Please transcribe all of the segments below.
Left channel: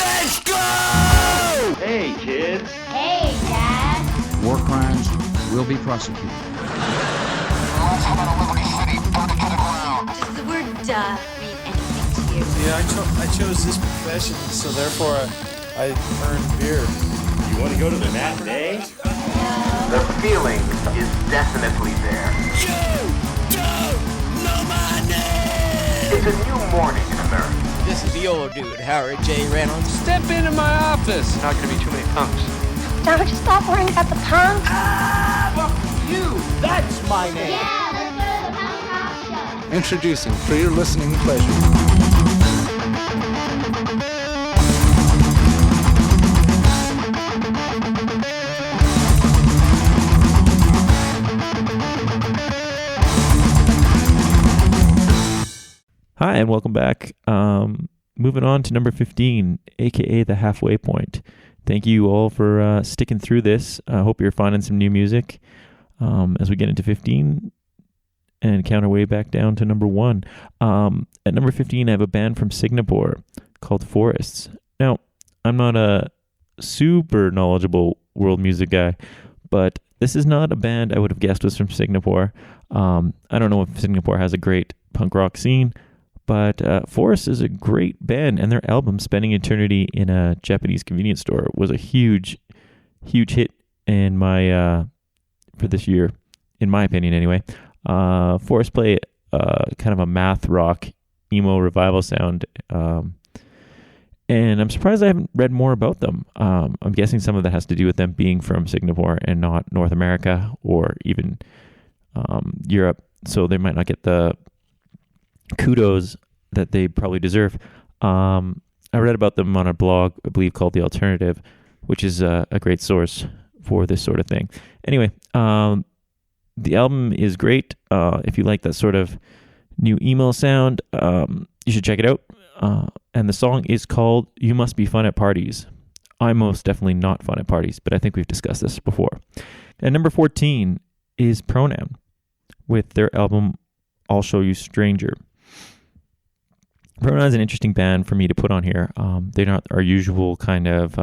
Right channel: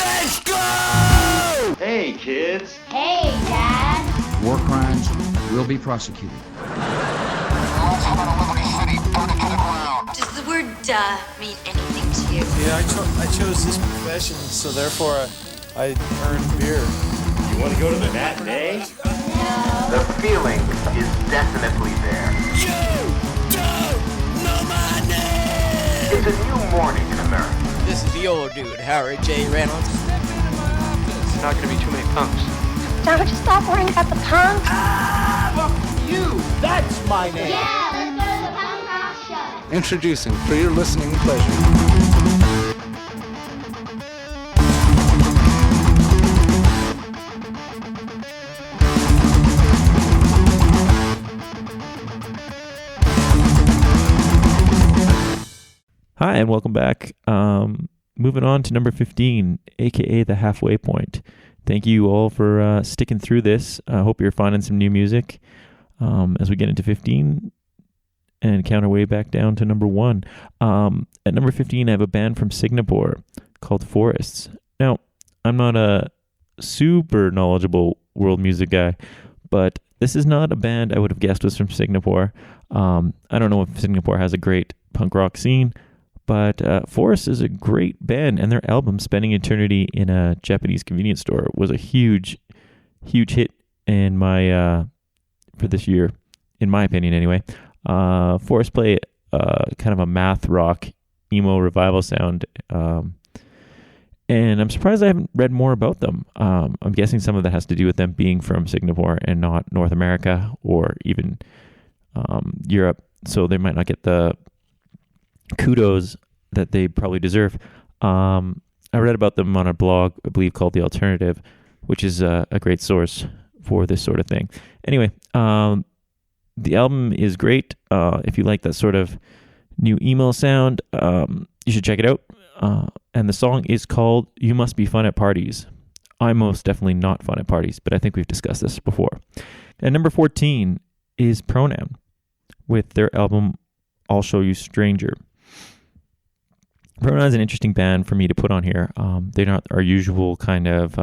Let's go! Hey, kids. Hey, Dad. War crimes will be prosecuted. Let's head out of Liberty City. Burn it to the ground. Does the word mean anything to you? Yeah, I chose this profession, so therefore I earned beer. You want to go to the matinee? The feeling is definitely there. You don't know my name! It's a new morning in America. This is the old dude, Howard J. Reynolds. Step into my office! Not going to be too many punks. Now would you stop worrying about the punk? You! That's my name! Yeah, let's go to the punk rock show. Introducing for your listening pleasure. Hi, and welcome back. Moving on to number 15, aka the halfway point. Thank you all for sticking through this. I hope you're finding some new music as we get into 15 and count our way back down to number 1. At number 15, I have a band from Singapore called Forests. Now, I'm not a super knowledgeable world music guy, but this is not a band I would have guessed was from Singapore. I don't know if Singapore has a great punk rock scene, but Forest is a great band, and their album "Spending Eternity in a Japanese Convenience Store" was a huge hit in my for this year, in my opinion, anyway. Forest play kind of a math rock emo revival sound, and I'm surprised I haven't read more about them. I'm guessing some of that has to do with them being from Singapore and not North America or even Europe, so they might not get the kudos that they probably deserve. I read about them on a blog, I believe, called The Alternative, which is a great source for this sort of thing. Anyway, the album is great. If you like that sort of new emo sound, you should check it out. And the song is called "You Must Be Fun at Parties." I'm most definitely not fun at parties, but I think we've discussed this before. And number 14 is Pronoun with their album "I'll Show You Stranger." Pronoun is an interesting band for me to put on here. They're not our usual kind of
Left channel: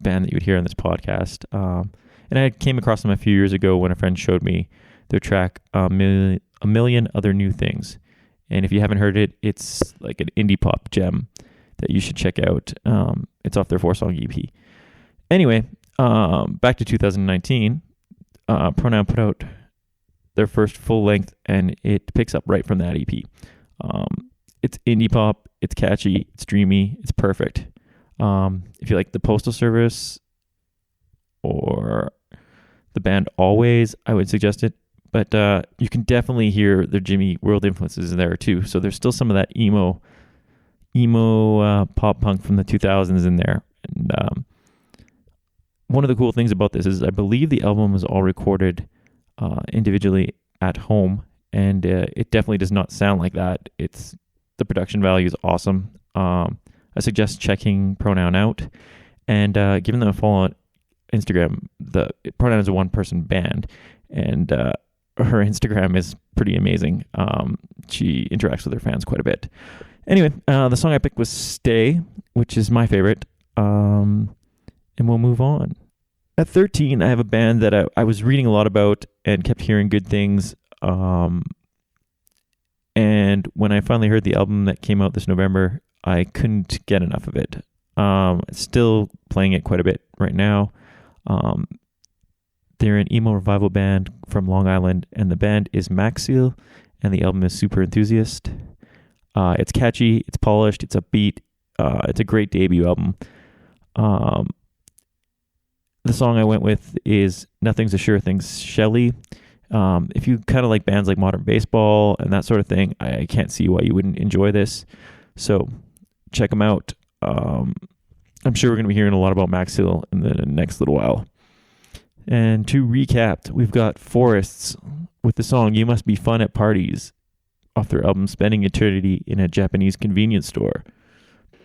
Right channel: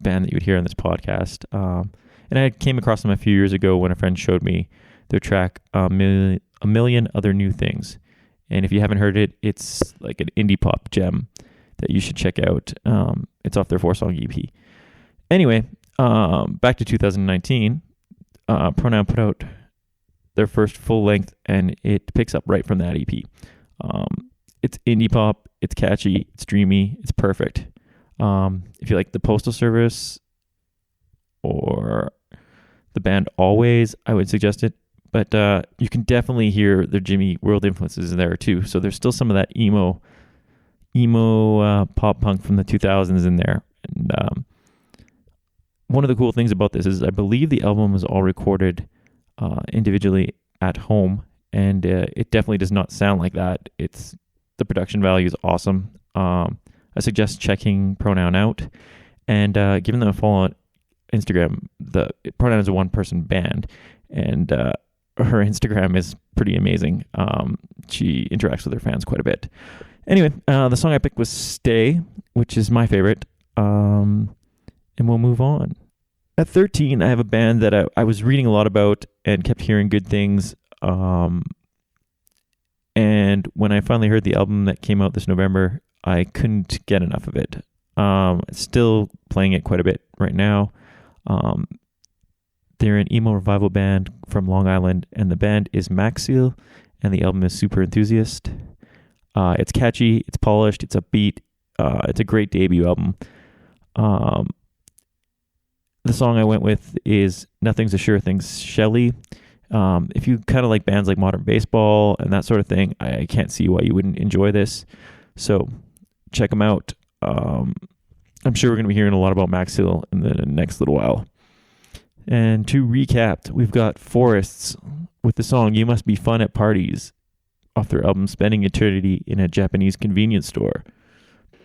band that you would hear on this podcast. And I came across them a few years ago when a friend showed me their track A Million Other New Things. And if you haven't heard it, it's like an indie pop gem that you should check out. It's off their 4-song EP. Anyway, back to 2019, Pronoun put out their first full length, and it picks up right from that EP. It's indie pop, it's catchy, it's dreamy, it's perfect. If you like the Postal Service or the band Always, I would suggest it. But you can definitely hear the Jimmy World influences in there too. So there's still some of that emo pop punk from the 2000s in there. And one of the cool things about this is I believe the album was all recorded individually at home, and it definitely does not sound like that. The production value is awesome. I suggest checking Pronoun out and giving them a follow on Instagram. The Pronoun is a one-person band, and her Instagram is pretty amazing. She interacts with her fans quite a bit. Anyway, the song I picked was "Stay," which is my favorite, and we'll move on. At 13, I have a band that I was reading a lot about and kept hearing good things. And when I finally heard the album that came out this November, I couldn't get enough of it. Still playing it quite a bit right now. They're an emo revival band from Long Island, and the band is Maxil, and the album is Super Enthusiast. It's catchy, it's polished, it's upbeat. It's a great debut album. The song I went with is "Nothing's a Sure Thing" Shelley. If you kind of like bands like Modern Baseball and that sort of thing, I can't see why you wouldn't enjoy this. So check them out. I'm sure we're going to be hearing a lot about Maxil in the next little while. And to recap, we've got Forests with the song "You Must Be Fun at Parties" off their album "Spending Eternity in a Japanese Convenience Store."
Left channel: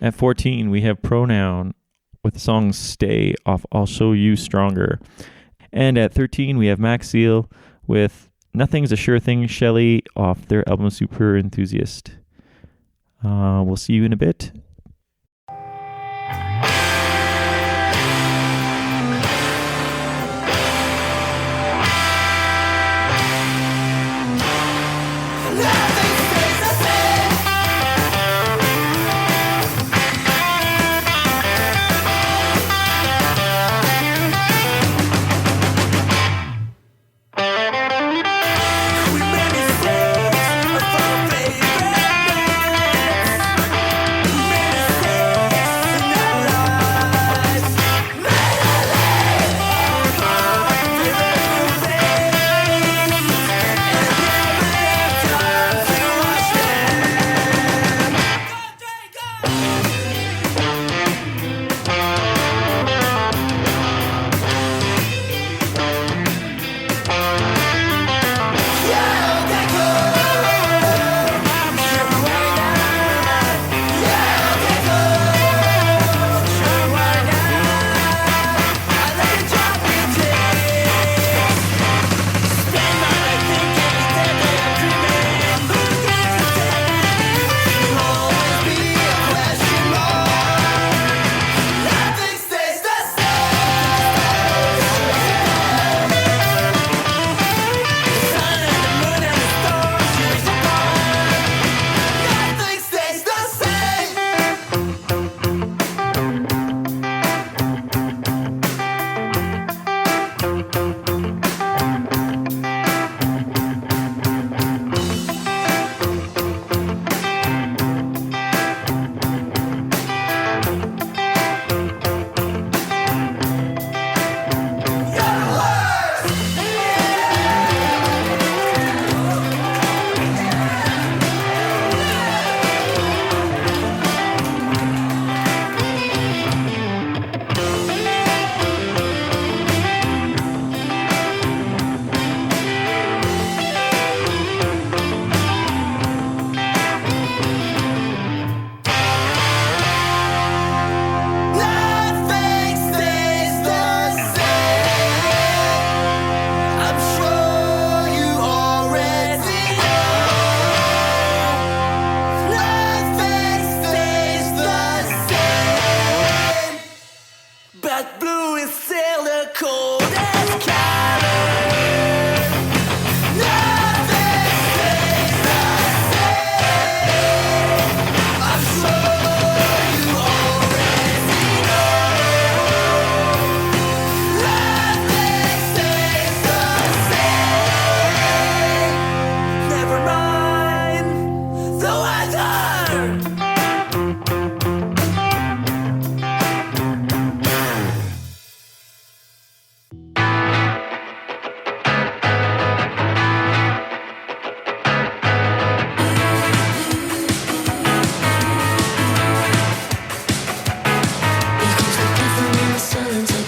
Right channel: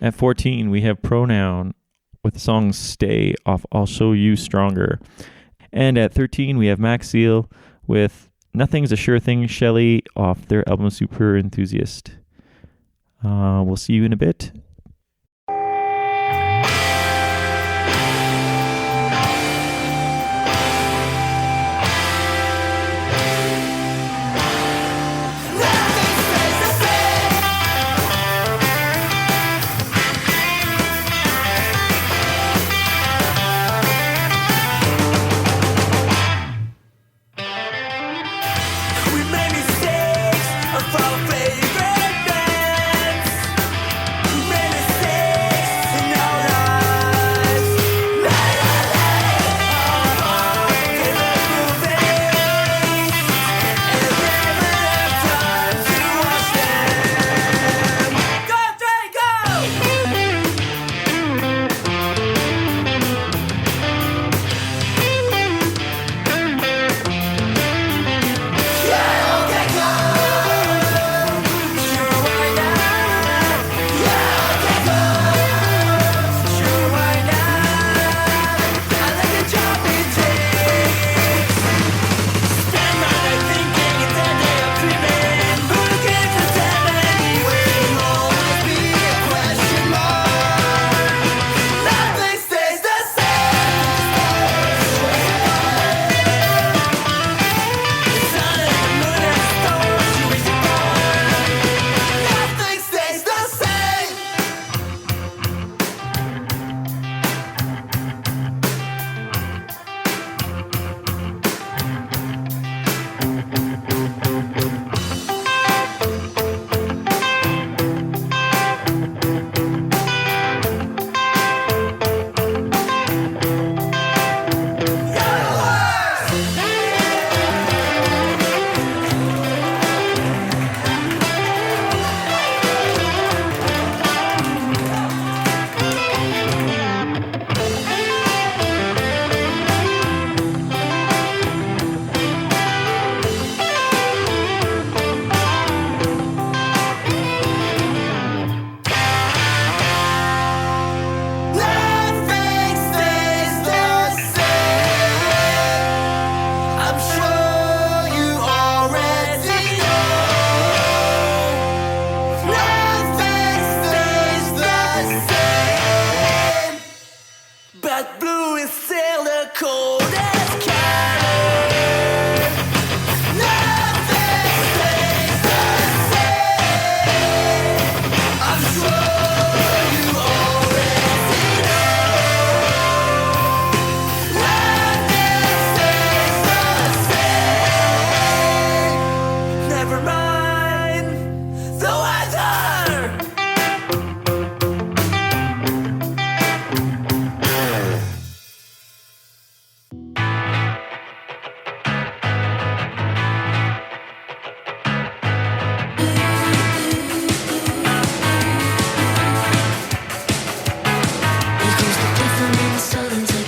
At 14, we have Pronoun with the song "Stay" off "I'll Show You Stronger." And at 13, we have Maxil with "Nothing's a Sure Thing" Shelley off their album Super Enthusiast. We'll see you in a bit.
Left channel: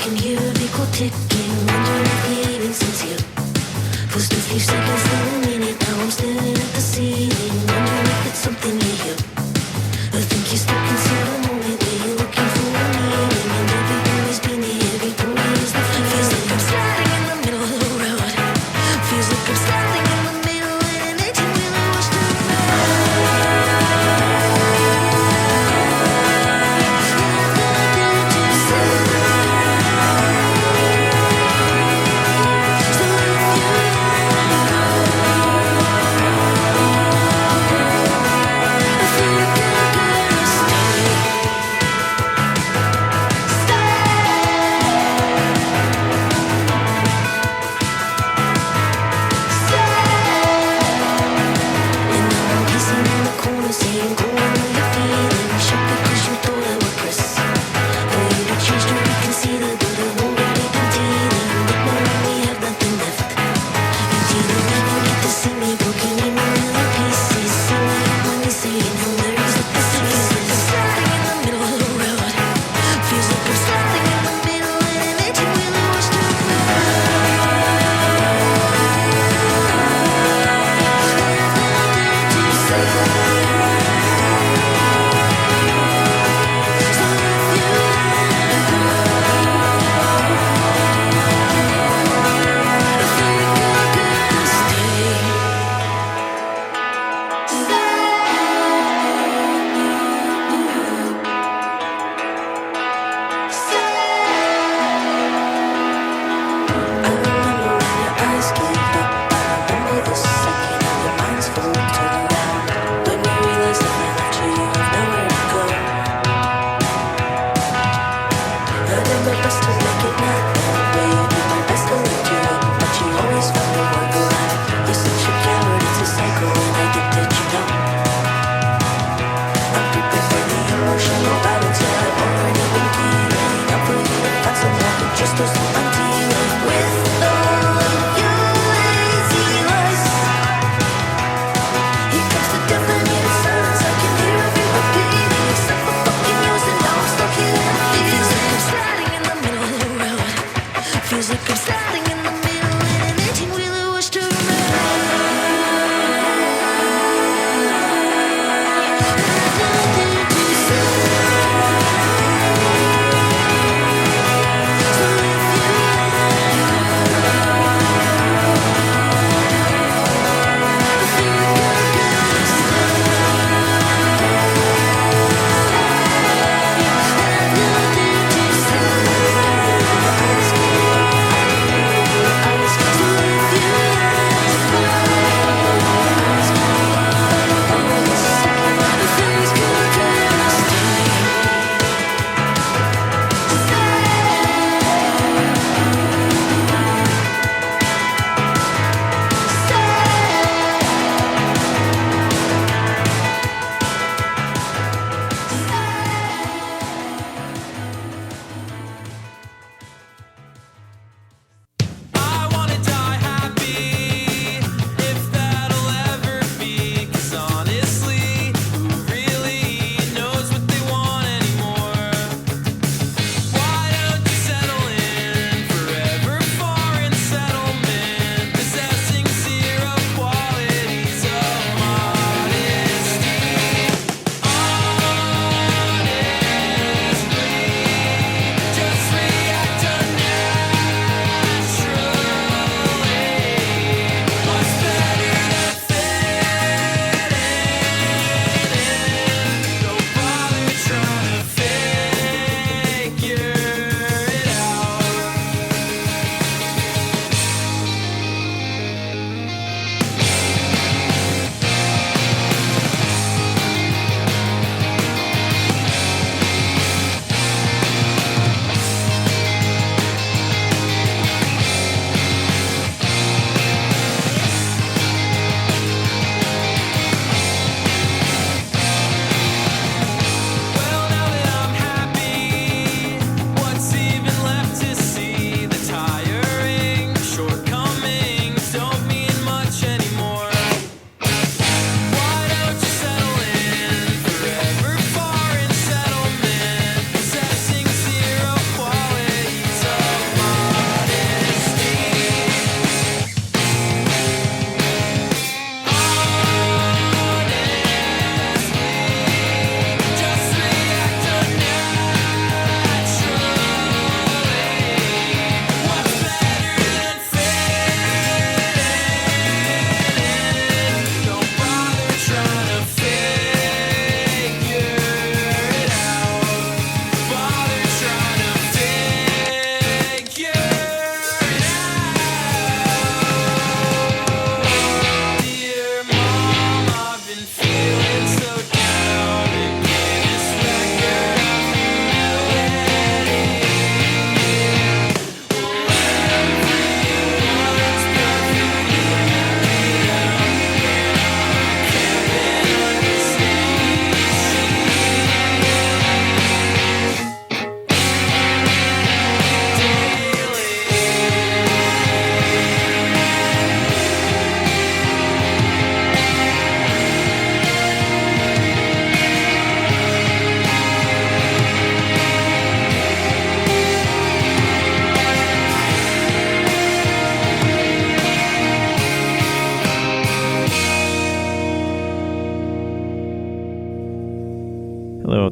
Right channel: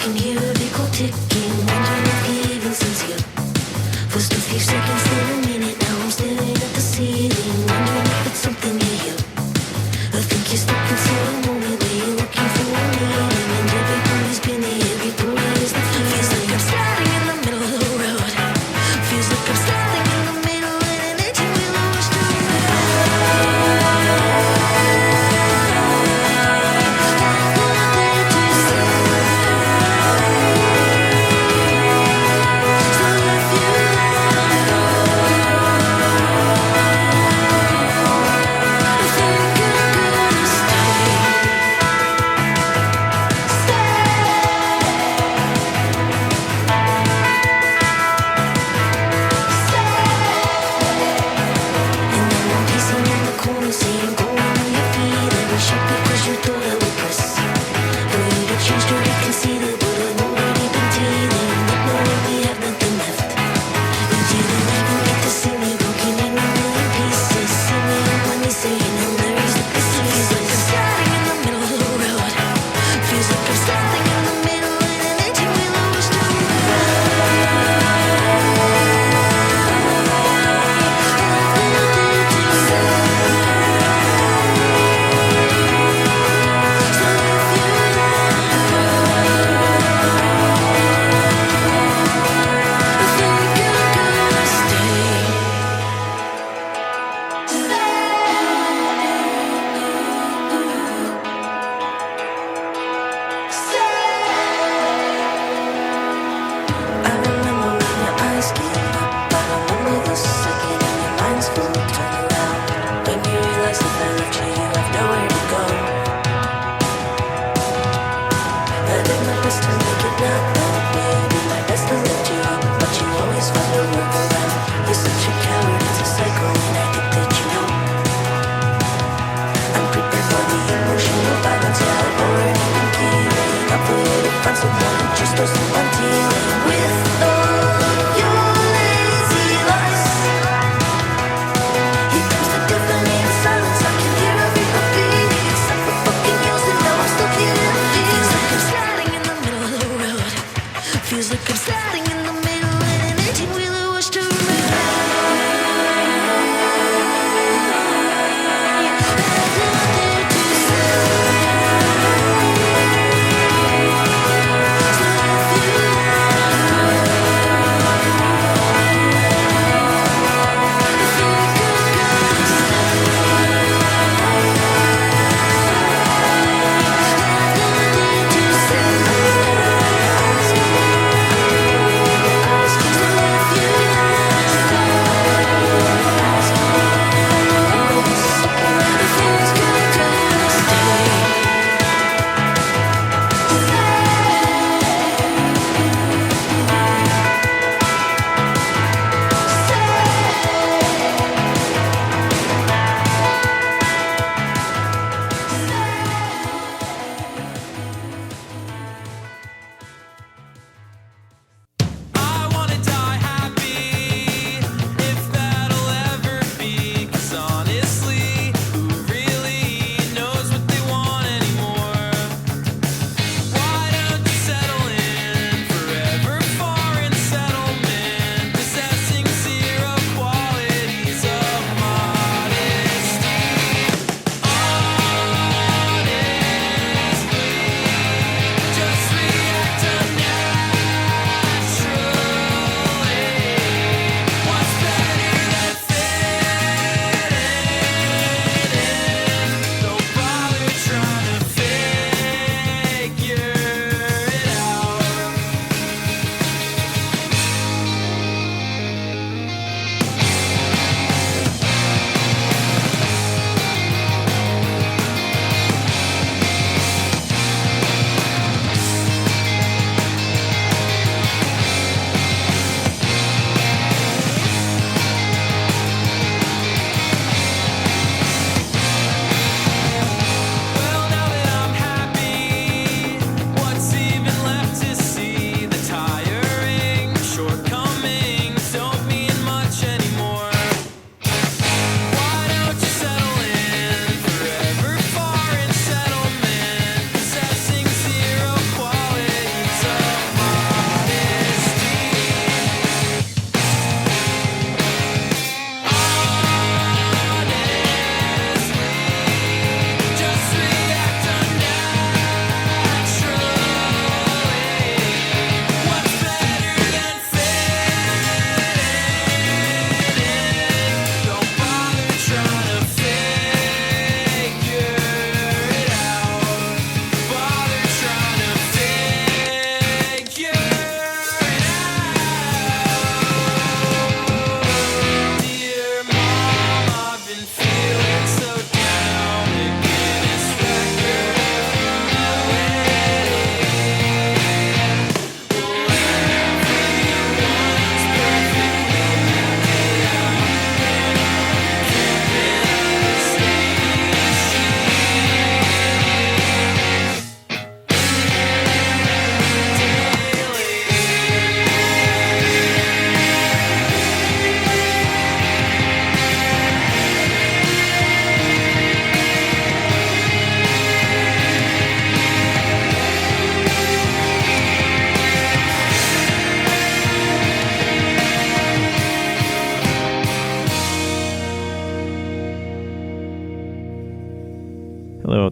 can hear a big clock ticking, wondering if he even sees you. First a few seconds, then a minute, now I'm staring at the ceiling, wondering if it's something you hear. I think you're stuck inside a moment where you're looking for a meaning, and everybody's been there, everybody is the feeling. Feels like I'm standing in the middle of the road. Feels like I'm standing in the middle in an 18-wheeler was to saying, go, I know you're feeling shocked because you thought I would press for you to change to reconsider, but I've already been dealing with knowing we have nothing left. You didn't even get to see me broken in a million pieces. See me on my knees saying Hail Marys at the feels like I'm standing in the middle of the road. Feels like I'm standing in the middle in an 18-wheeler was to just us I'm dealing with all your lazy lies. Here comes the deafening silence. I can hear every heartbeat except for fucking yours, and now I'm stuck here in a feels like I'm standing in the middle of the road. Feels like I'm standing in the middle in an 18-wheeler was to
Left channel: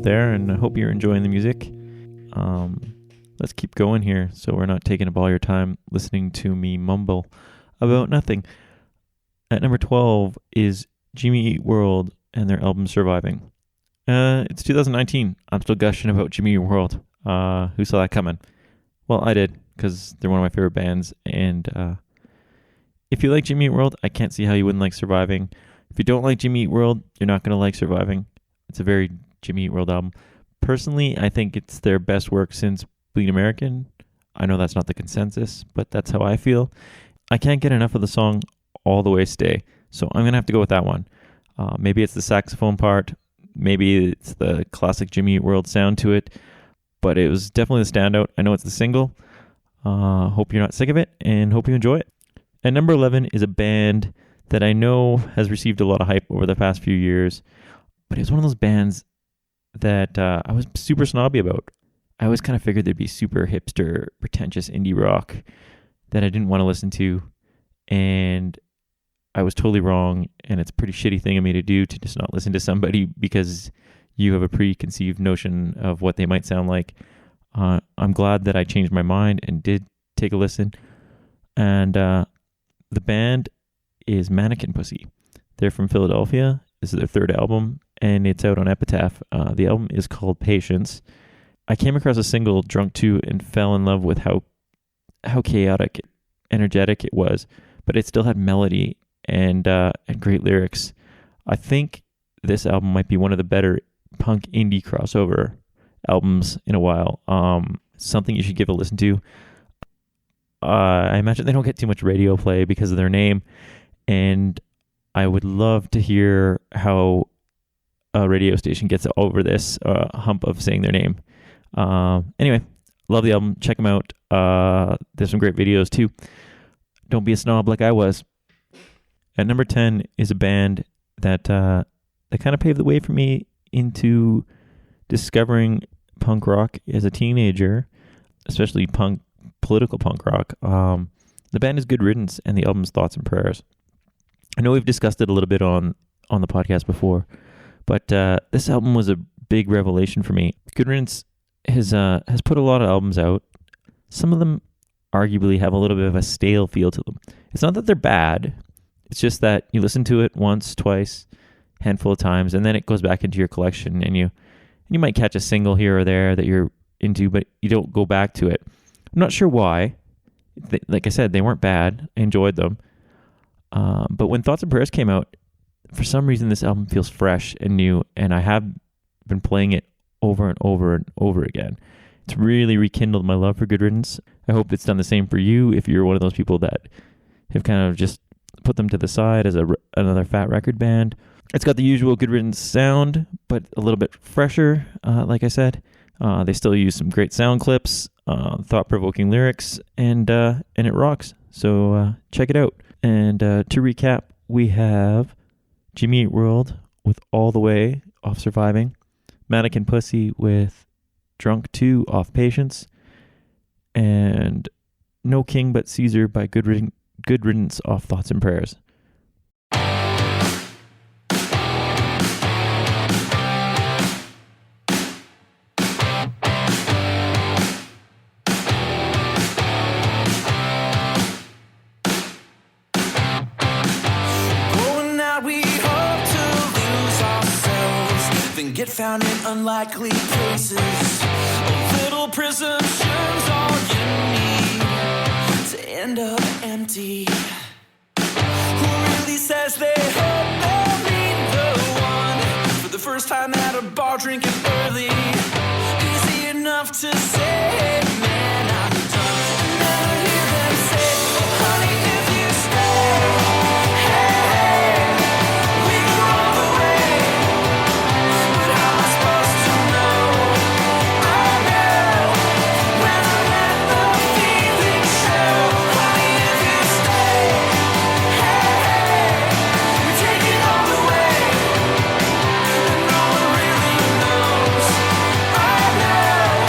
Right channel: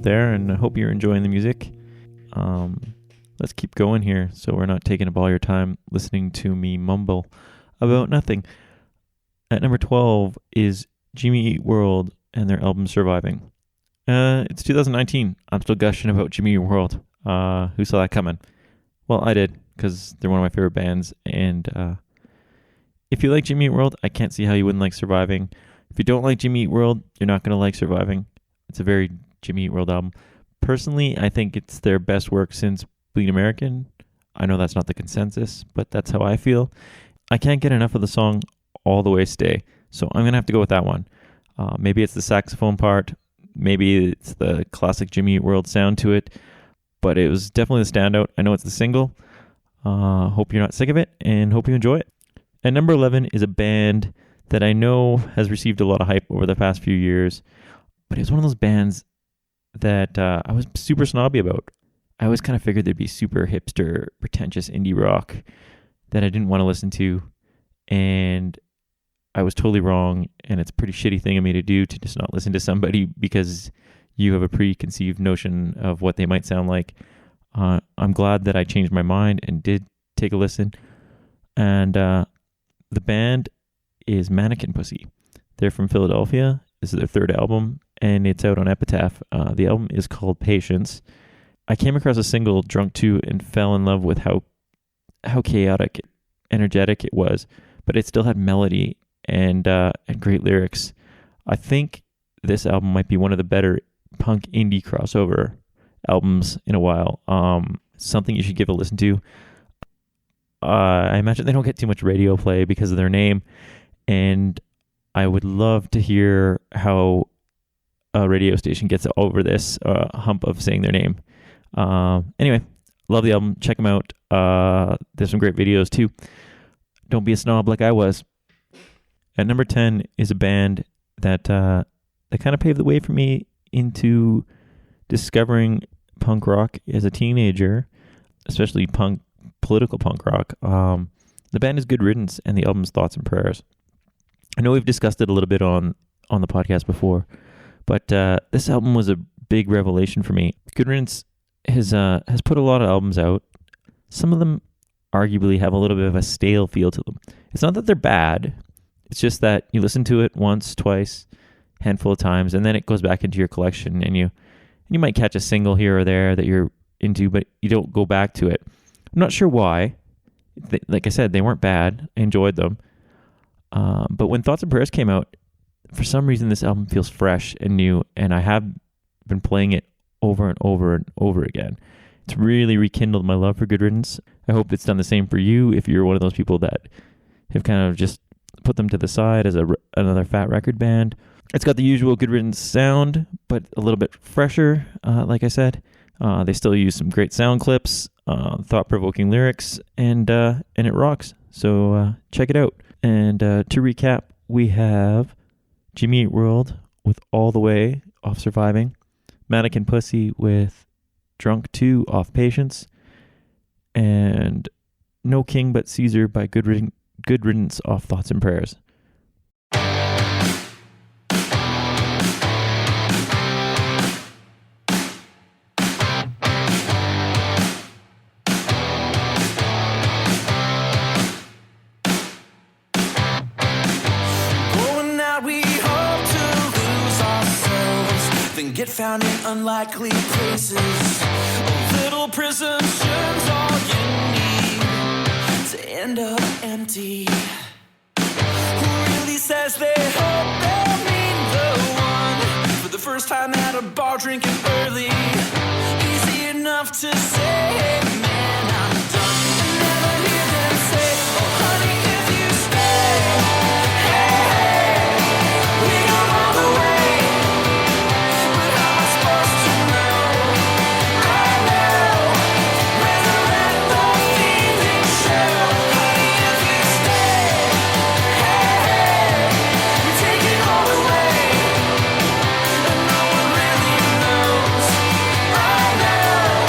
out there, and I hope you're enjoying the music. Let's keep going here so we're not taking up all your time listening to me mumble about nothing. At number 12 is Jimmy Eat World and their album Surviving. It's 2019. I'm still gushing about Jimmy Eat World. Who saw that coming? Well, I did, because they're one of my favorite bands. And if you like Jimmy Eat World, I can't see how you wouldn't like Surviving. If you don't like Jimmy Eat World, you're not going to like Surviving. It's a very Jimmy Eat World album. Personally, I think it's their best work since Bleed American. I know that's not the consensus, but that's how I feel. I can't get enough of the song All the Way Stay, so I'm going to have to go with that one. Maybe it's the saxophone part. Maybe it's the classic Jimmy Eat World sound to it, but it was definitely the standout. I know it's the single. Hope you're not sick of it, and hope you enjoy it. At number 11 is a band that I know has received a lot of hype over the past few years, but it was one of those bands that I was super snobby about. I always kind of figured they'd be super hipster, pretentious indie rock that I didn't want to listen to, and I was totally wrong, and it's a pretty shitty thing of me to do, to just not listen to somebody because you have a preconceived notion of what they might sound like. I'm glad that I changed my mind and did take a listen, and the band is Mannequin Pussy. They're from Philadelphia. This is their third album, and it's out on Epitaph. The album is called Patience. I came across a single, Drunk 2, and fell in love with how chaotic, energetic it was, but it still had melody and great lyrics. I think this album might be one of the better punk indie crossover albums in a while. Something you should give a listen to. I imagine they don't get too much radio play because of their name, and I would love to hear how a radio station gets over this hump of saying their name. Anyway, love the album. Check them out. There's some great videos too. Don't be a snob like I was. At number 10 is a band that kind of paved the way for me into discovering punk rock as a teenager, especially political punk rock. The band is Good Riddance, and the album's Thoughts and Prayers. I know we've discussed it a little bit on the podcast before, but this album was a big revelation for me. Good Riddance has put a lot of albums out. Some of them arguably have a little bit of a stale feel to them. It's not that they're bad. It's just that you listen to it once, twice, handful of times, and then it goes back into your collection, and you might catch a single here or there that you're into, but you don't go back to it. I'm not sure why. Like I said, they weren't bad. I enjoyed them. But when Thoughts and Prayers came out, for some reason this album feels fresh and new, and I have been playing it over and over and over again. It's really rekindled my love for Good Riddance. I hope it's done the same for you if you're one of those people that have kind of just put them to the side as another fat record band. It's got the usual Good Riddance sound, but a little bit fresher, like I said. They still use some great sound clips, thought-provoking lyrics, and it rocks. So check it out. And to recap, we have Jimmy Eat World with All the Way off Surviving, Mannequin Pussy with Drunk 2 off Patience, and No King But Caesar by Good Riddance off Thoughts and Prayers. Get found in unlikely places. Little presumptions, all you need to end up empty. Who really says they hope they'll meet the one for the first time at a bar drinking early? Easy enough to say, man, I'm done. And never hear them say, oh honey, if you stay, hey, hey, we go all the way. Supposed to know, I know whether let the feeling show. Honey, if you stay, hey, hey, we take it all the way, and no one really knows. I know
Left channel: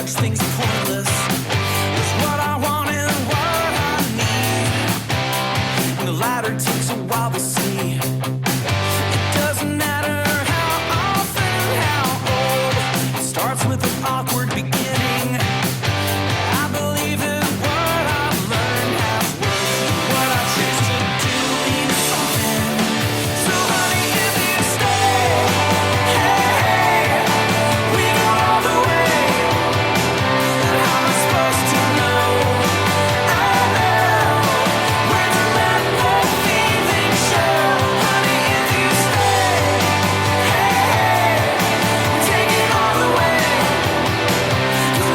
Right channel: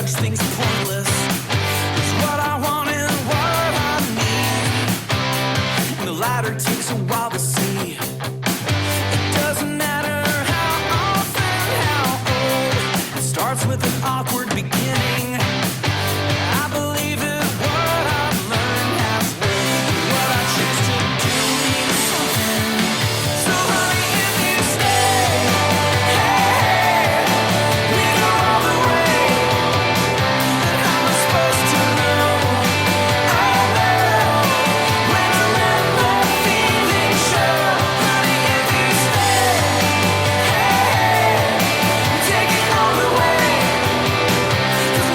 judge things pointless. It's what I want and what I need. And the latter takes a while to see. It doesn't matter how often, how old. It starts with an awkward beginning. I believe that what I've learned has worked. And what I choose to do means something. So honey, if you stay, hey, we go all the way. Then how am I supposed to know? I know when to let the feeling show. Honey, if you stay, hey, we take it all the way. 'Cause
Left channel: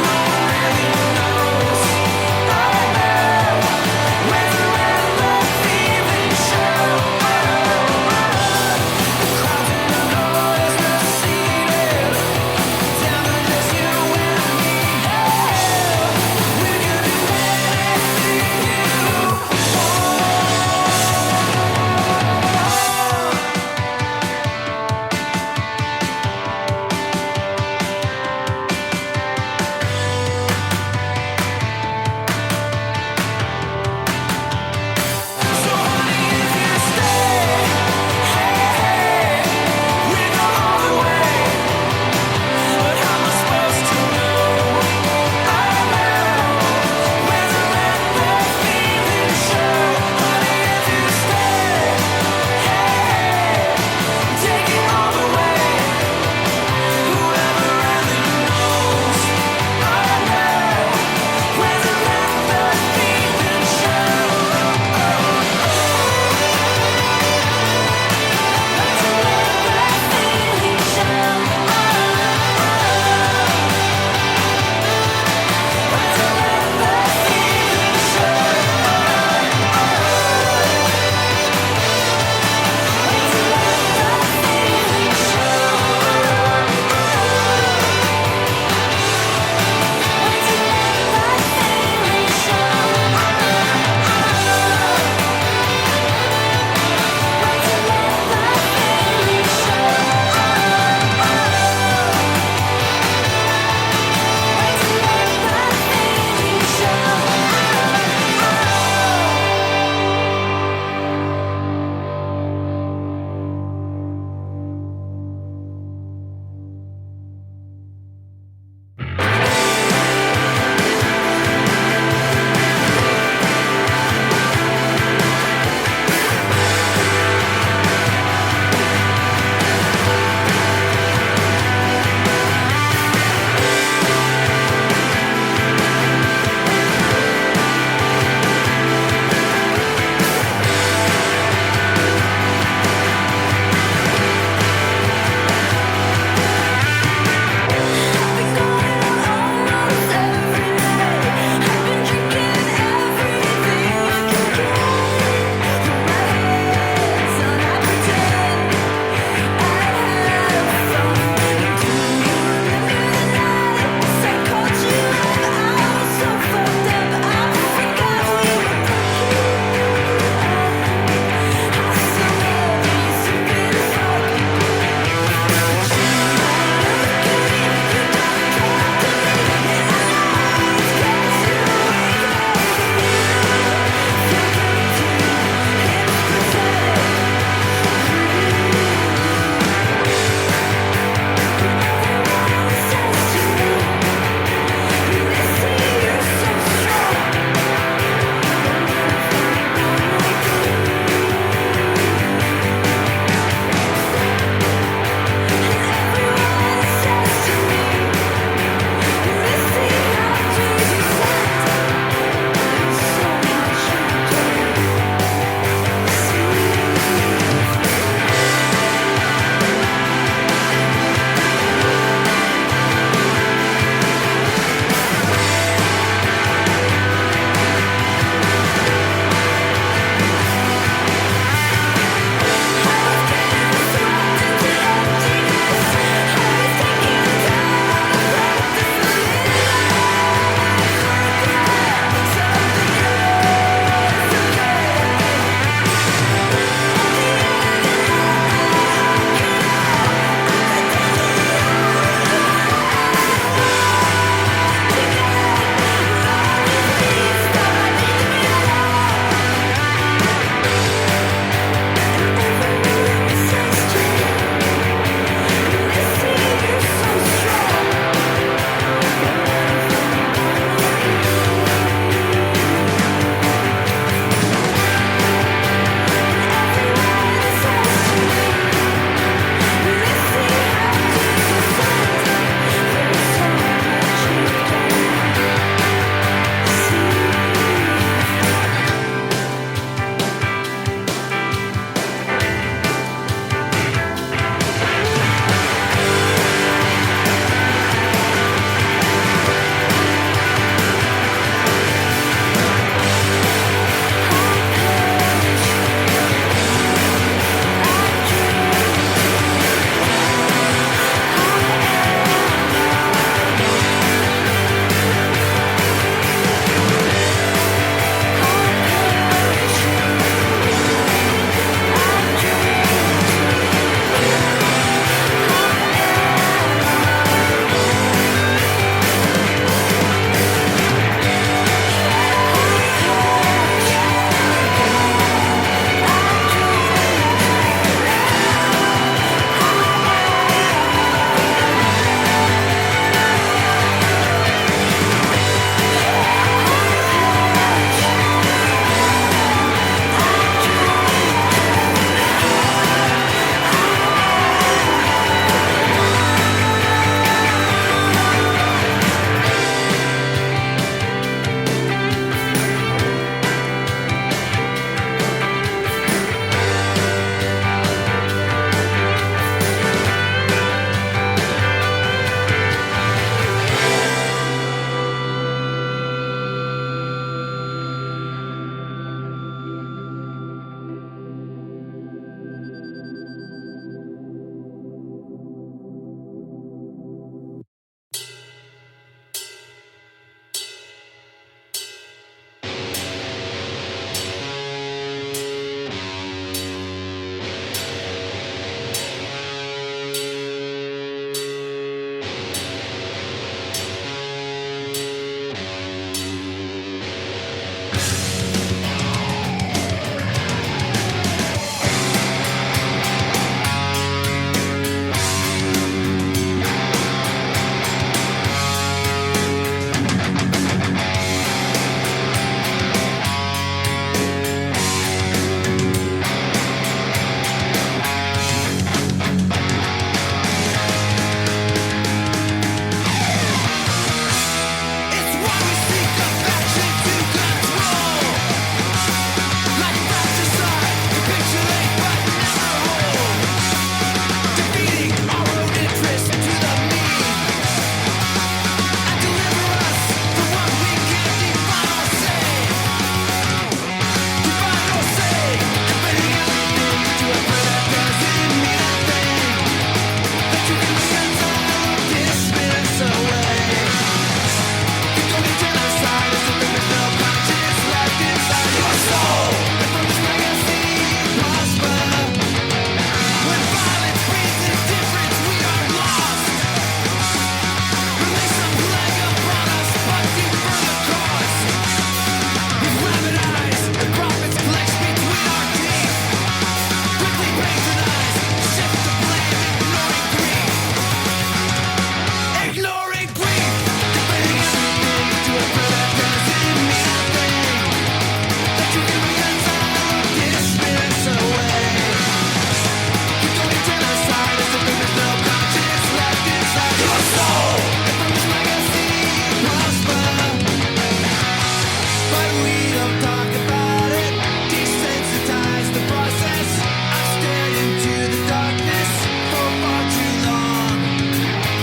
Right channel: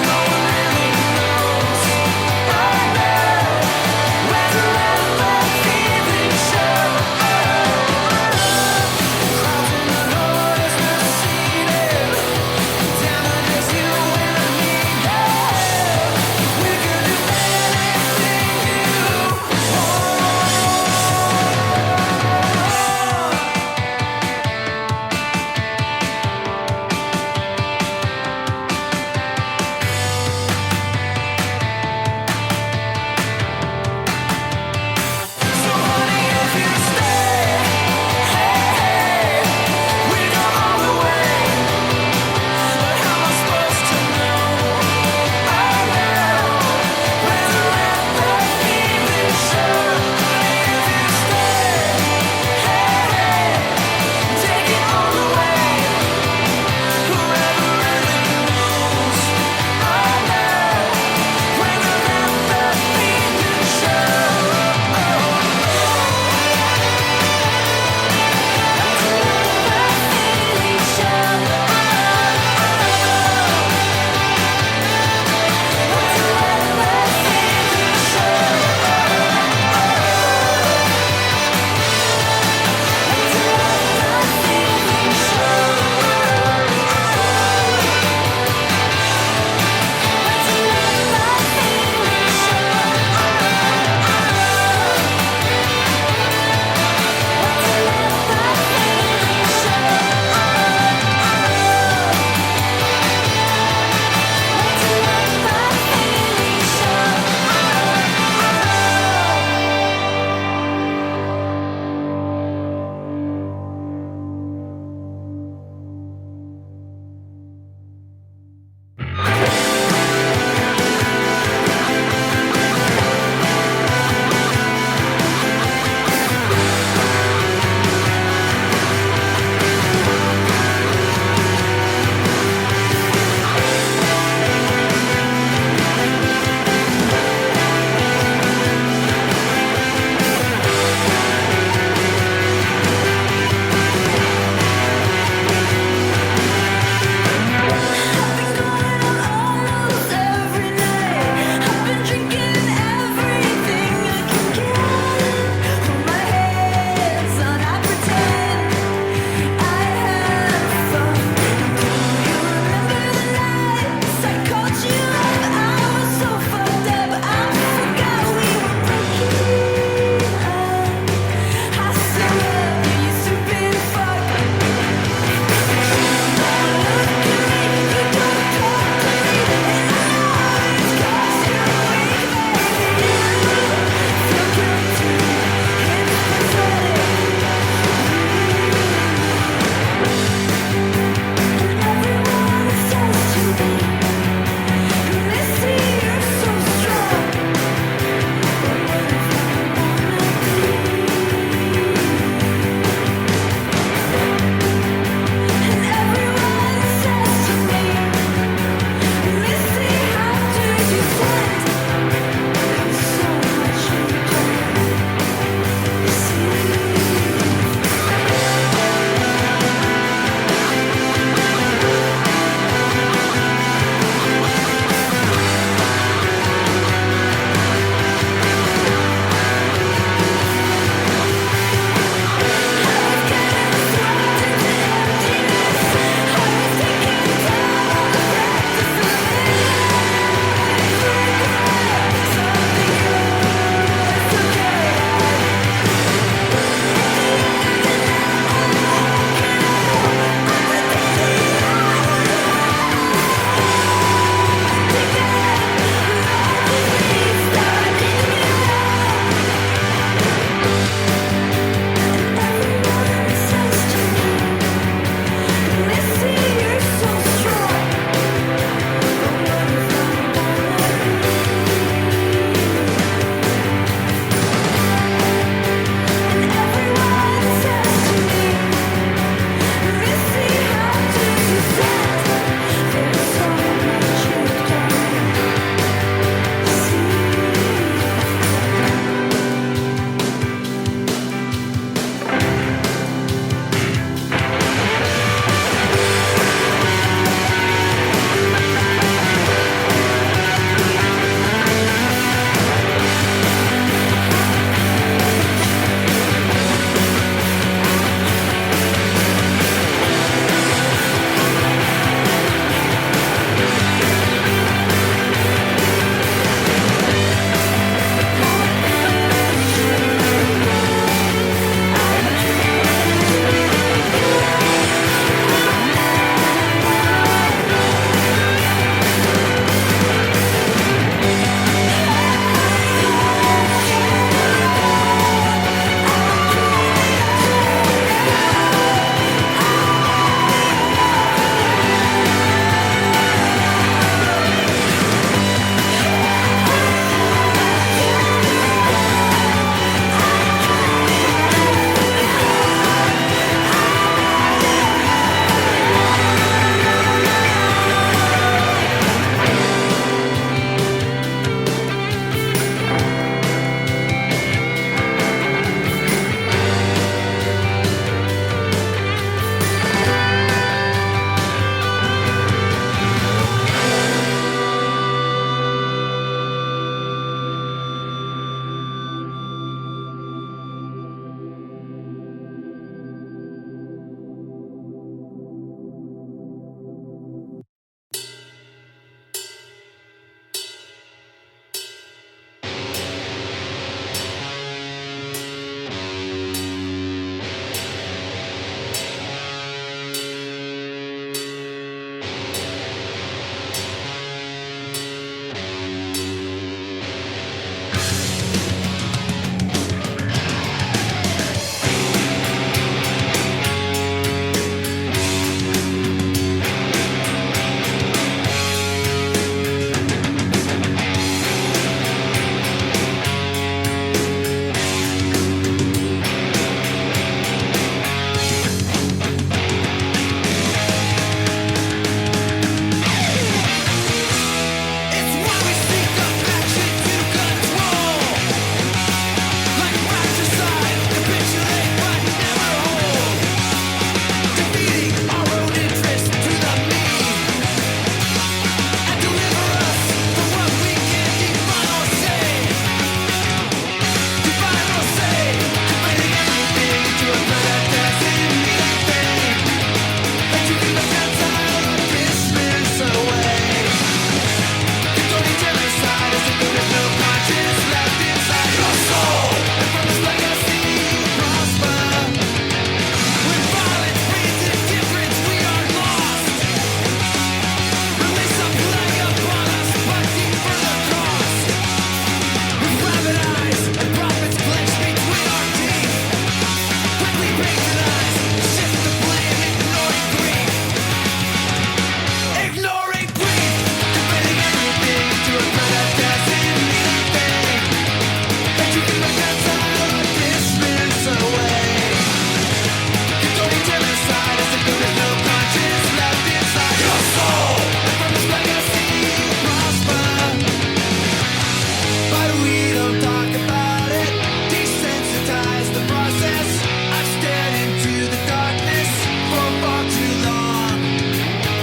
we don't talk about it. Desensitize the process. I've stared into the darkness for far too long.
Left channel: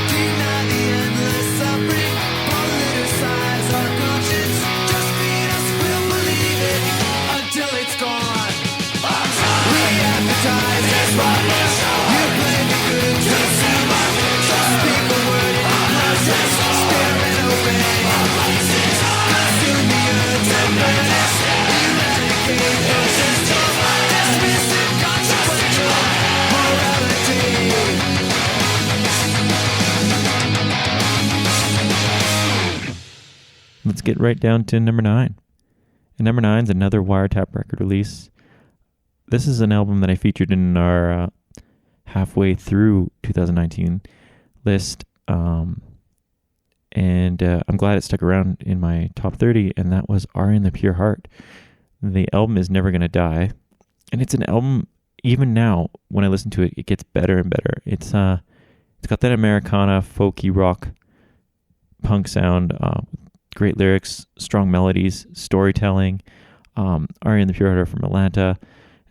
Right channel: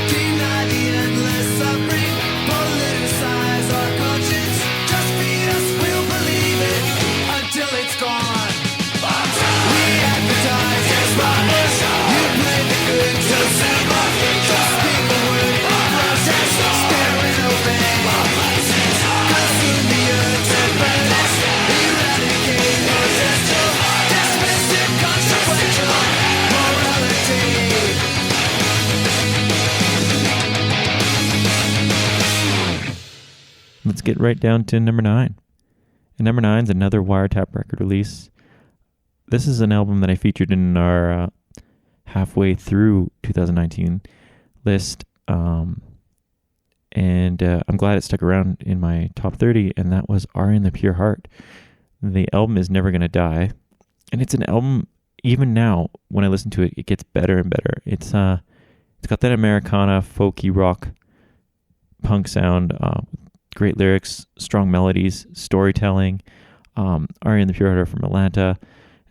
Deny the endless suffering. Politicize our conscience. Just feed us, we'll believe it until it's gone. We advertise as robbers. You play the good consumer. Don't speak a word in protest. Stare and obey. Consume the earth and burn it. Eradicate potential. Dismiss inconsequential morality. Let's get right down to number 9. And number 9 is another Wiretap record release. This is an album that I featured in our halfway through 2019 list. And I'm glad it stuck around in my top 30, and that was Aria and the Pure Heart. The album is Never Gonna Die. And it's an album, even now, when I listen to it, it gets better and better. It's got that Americana, folky rock, punk sound, great lyrics, strong melodies, storytelling. Aria and the Pure Heart are from Atlanta.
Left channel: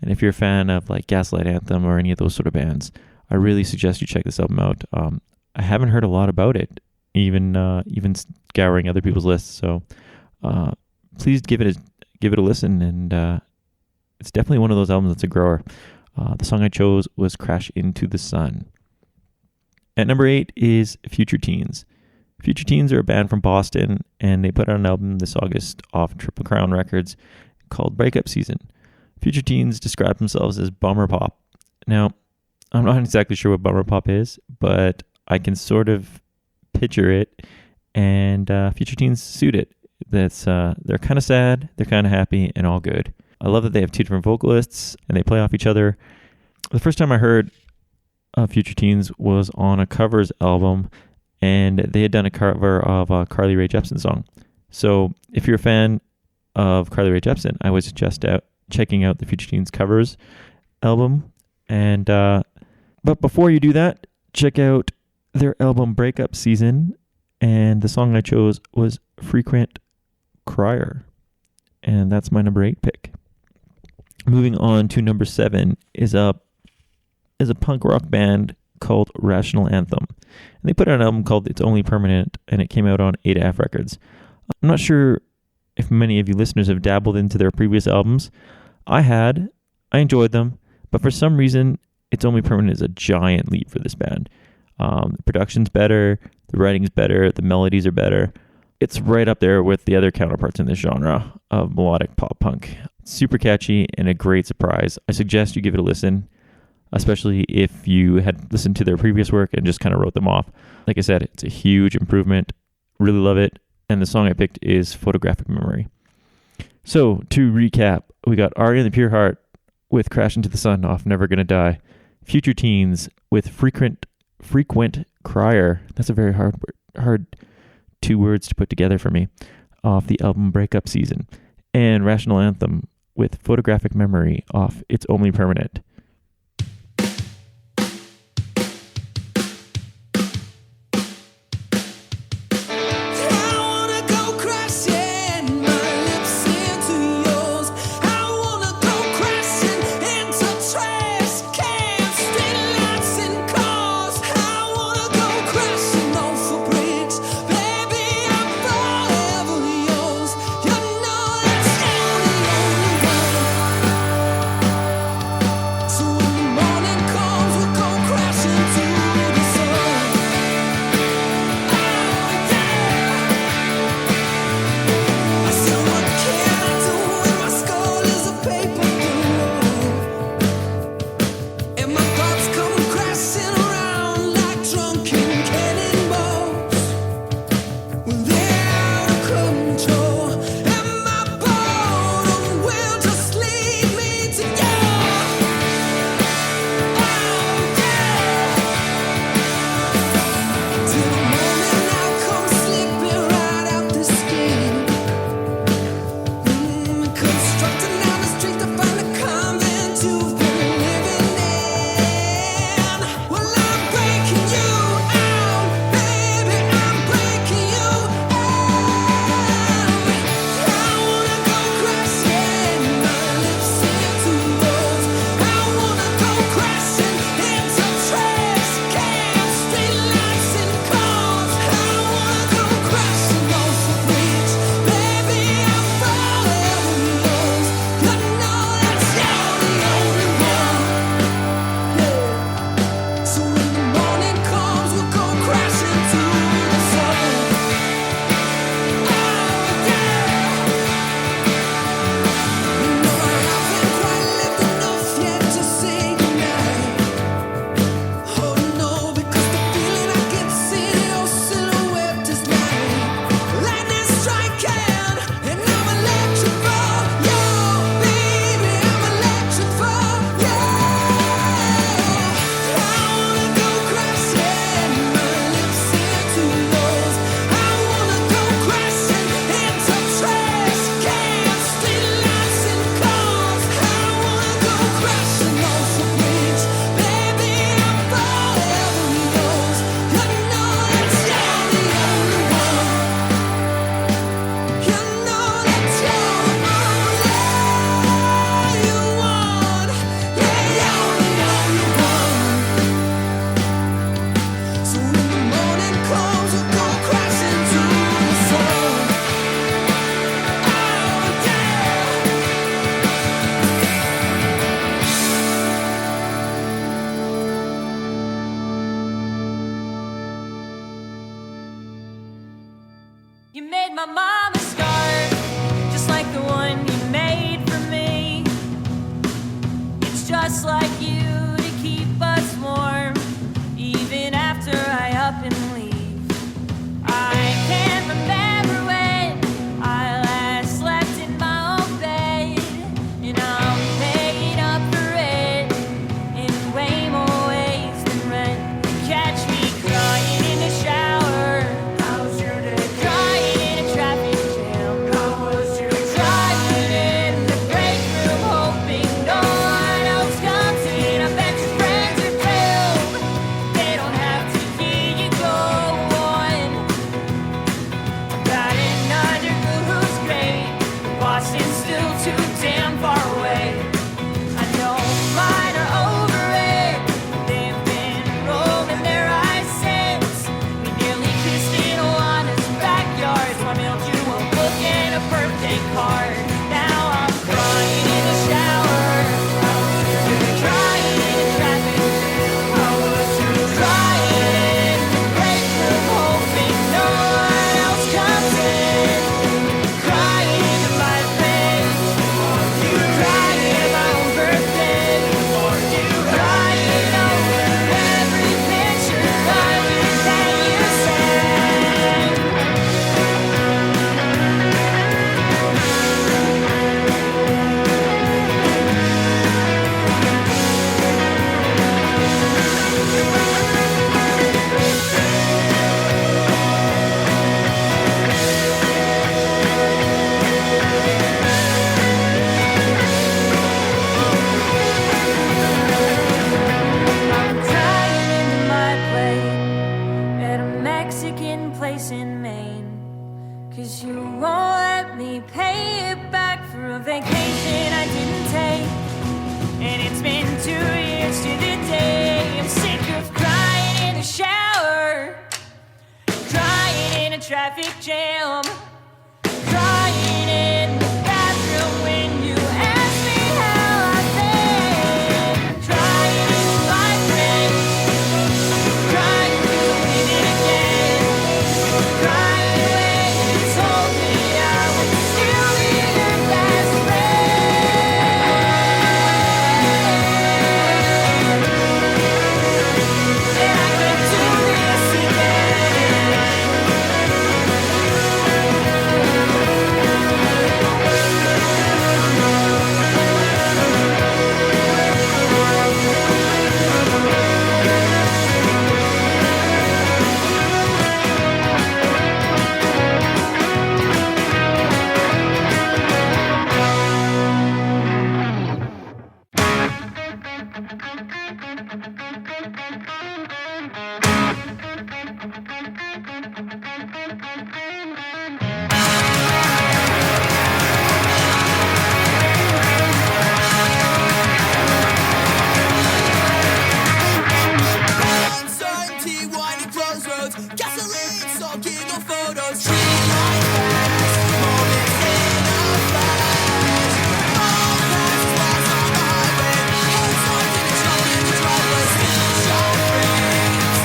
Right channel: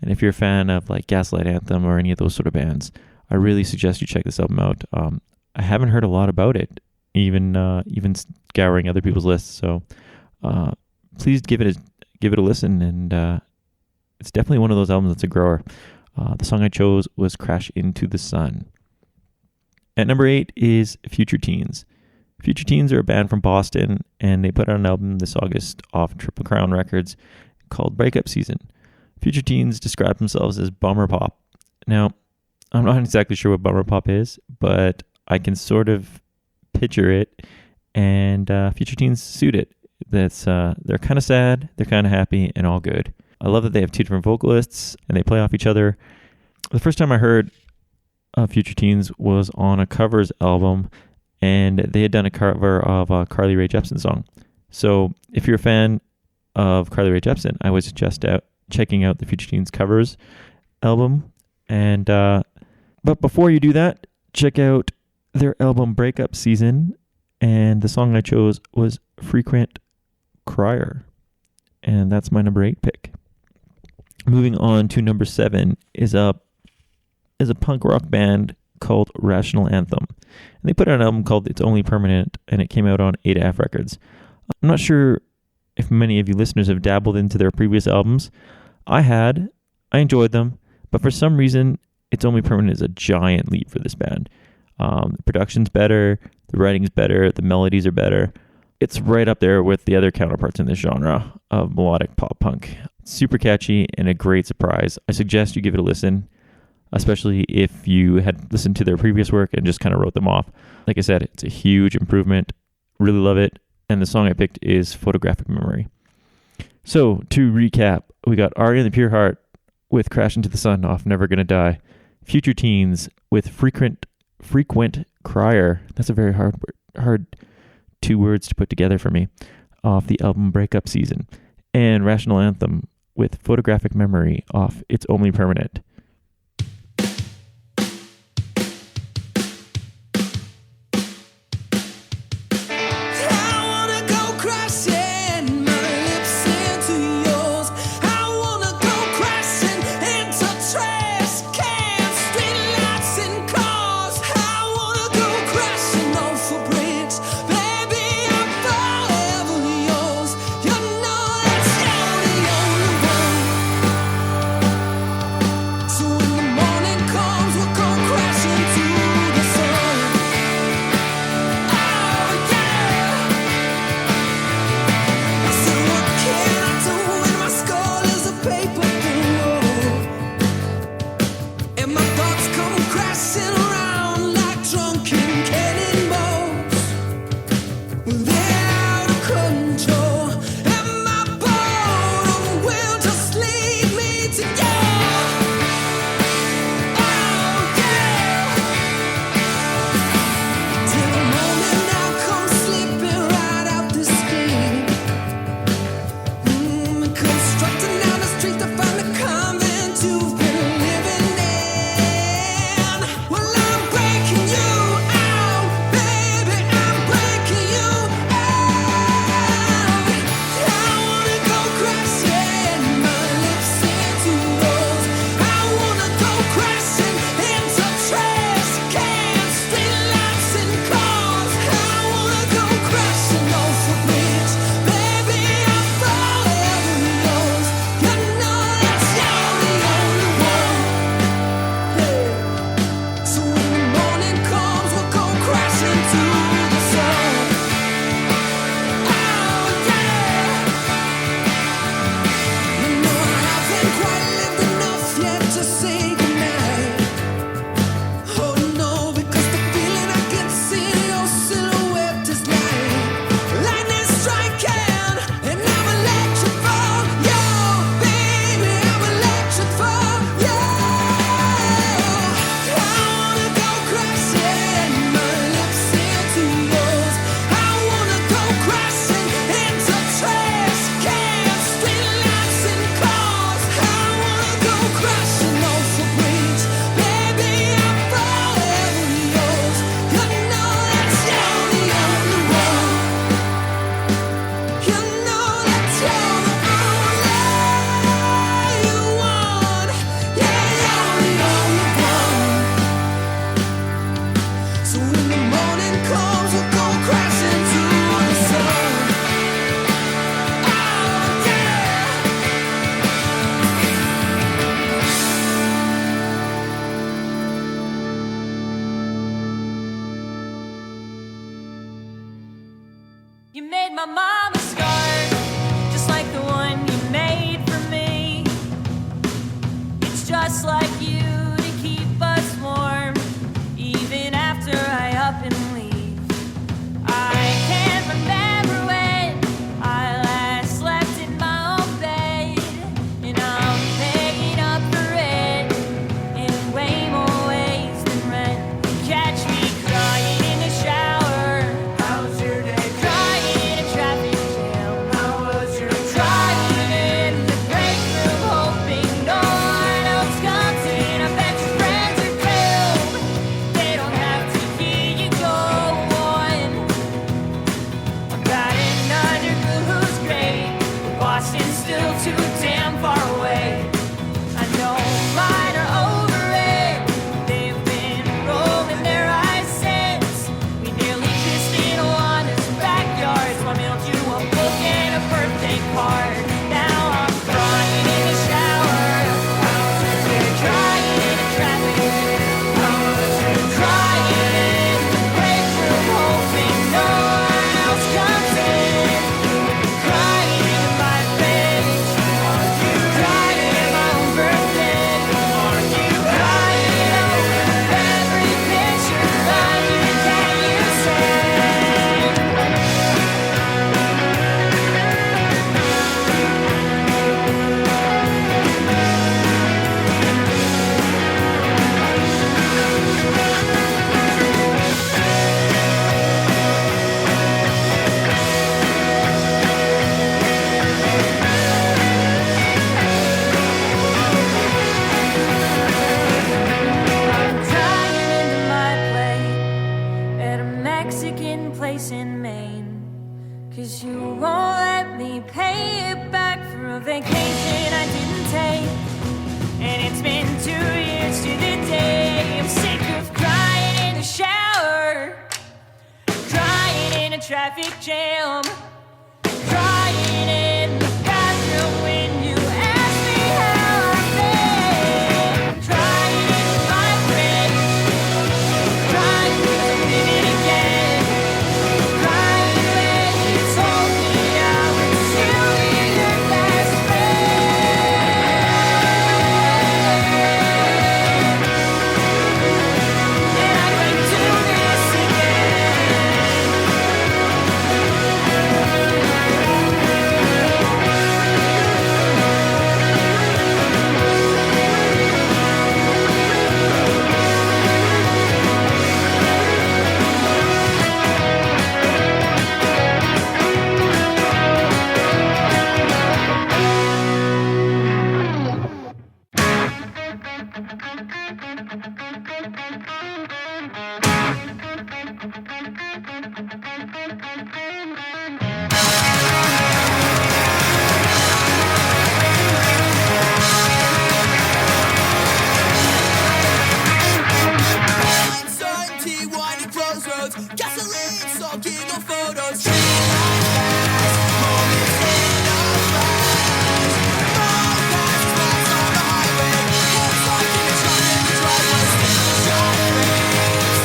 And if you're a fan of like Gaslight Anthem or any of those sort of bands, I really suggest you check this album out. I haven't heard a lot about it, even scouring other people's lists. So please give it a listen. And it's definitely one of those albums that's a grower. The song I chose was Crash Into the Sun. At number 8 is Future Teens. Future Teens are a band from Boston, and they put out an album this August off Triple Crown Records called Breakup Season. Future Teens describe themselves as bummer pop. Now, I'm not exactly sure what bummer pop is, but I can sort of picture it, and Future Teens suit it. They're kind of sad, they're kind of happy, and all good. I love that they have 2 different vocalists, and they play off each other. The first time I heard Future Teens was on a covers album, and they had done a cover of a Carly Rae Jepsen song. So if you're a fan of Carly Rae Jepsen, I would suggest checking out the Future Teens covers album. And but before you do that, check out their album Breakup Season. And the song I chose was Frequent Crier. And that's my number 8 pick. Moving on to number 7 is a punk rock band called Rational Anthem. And they put out an album called It's Only Permanent, and it came out on ADAF Records. I'm not sure if many of you listeners have dabbled into their previous albums. I enjoyed them, but for some reason, It's Only Permanent is a giant leap for this band. The production's better, the writing's better, the melodies are better. It's right up there with the other counterparts in this genre of melodic pop punk. Super catchy and a great surprise. I suggest you give it a listen, especially if you had listened to their previous work and just kind of wrote them off. Like I said, it's a huge improvement. Really love it. And the song I picked is Photographic Memory. So, to recap, we got Aria and the Pure Heart with Crash Into the Sun off Never Gonna Die. Future Teens with Frequent Crier. That's a very hard 2 words to put together for me. Off the album Breakup Season. And Rational Anthem with Photographic Memory off It's Only Permanent. my mama's scarf, just like the one you made for me. It's just like you to keep us warm, even after I up and leave. I can't remember when I last slept in my own bed, and I'm paying up for it in way more ways than rent. You catch me crying in the shower, crying in a traffic jam, crying in the break room, hoping no one else comes in. I bet your friends are too. They don't have to hear you go on about another girl who's great. Boston's still too damn far away. I know mine are over it. They've been rolling their eyes since we nearly kissed in Alana's backyard. So I mailed you a book and a birthday card. Now I'm crying in the shower, crying in a traffic jam, crying in the break room, hoping no one else comes in. Crying into my fridge, crying at my own birthday, crying over every picture of you that you sent. I'm crying into my plate at a Mexican place in Maine, 'cause you won't let me pay it back for a vacation I didn't take. And it's been 2 years to the day. I'm sick of crying in the shower, crying in a traffic jam, crying in the bathroom when you ask me how I've been, crying in my fridge, crying 'cause I'm leaving again, crying when you told me I would still be your best friend. And I can do this again. Uncertainty, winding crossroads, gasoline, soaking on photos, tree lines pass, moments in a flash. My past is lost on the highway, heads locked in a truck in the driveway, still shot frames,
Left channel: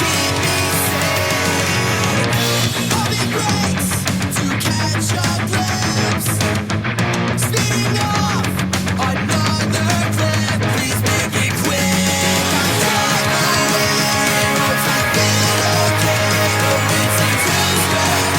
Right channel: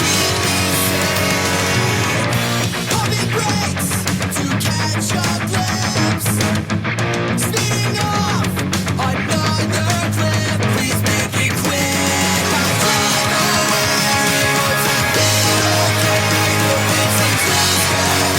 keep me safe. Pumping brakes to catch a glimpse, speeding off another cliff. Please make it quick. I drive away in hopes I feel okay. The wind seems who's good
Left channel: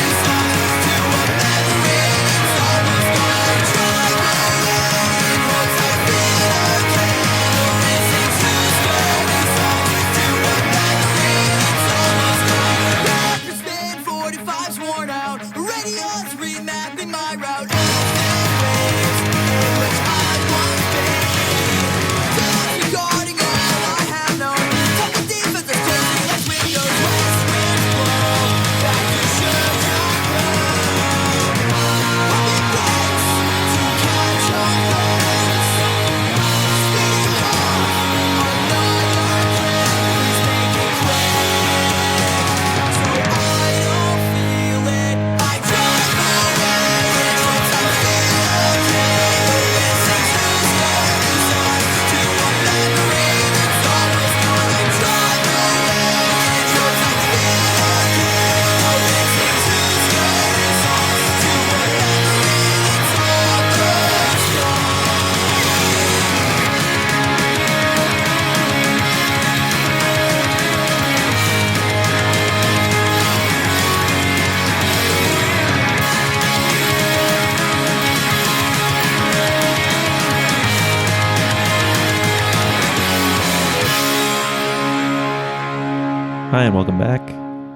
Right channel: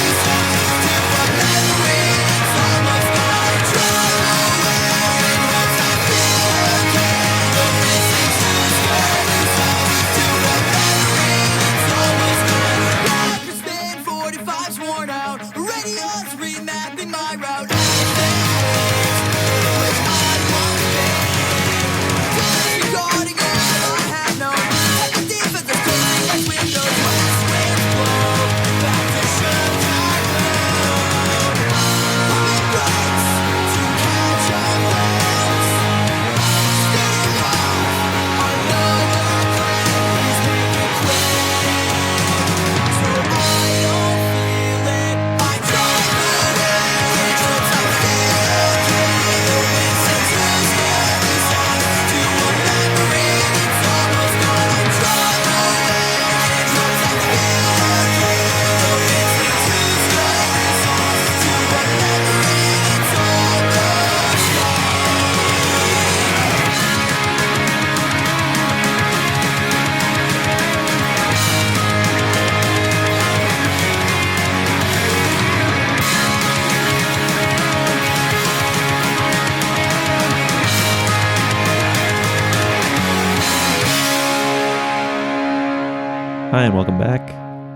Hi, and welcome back.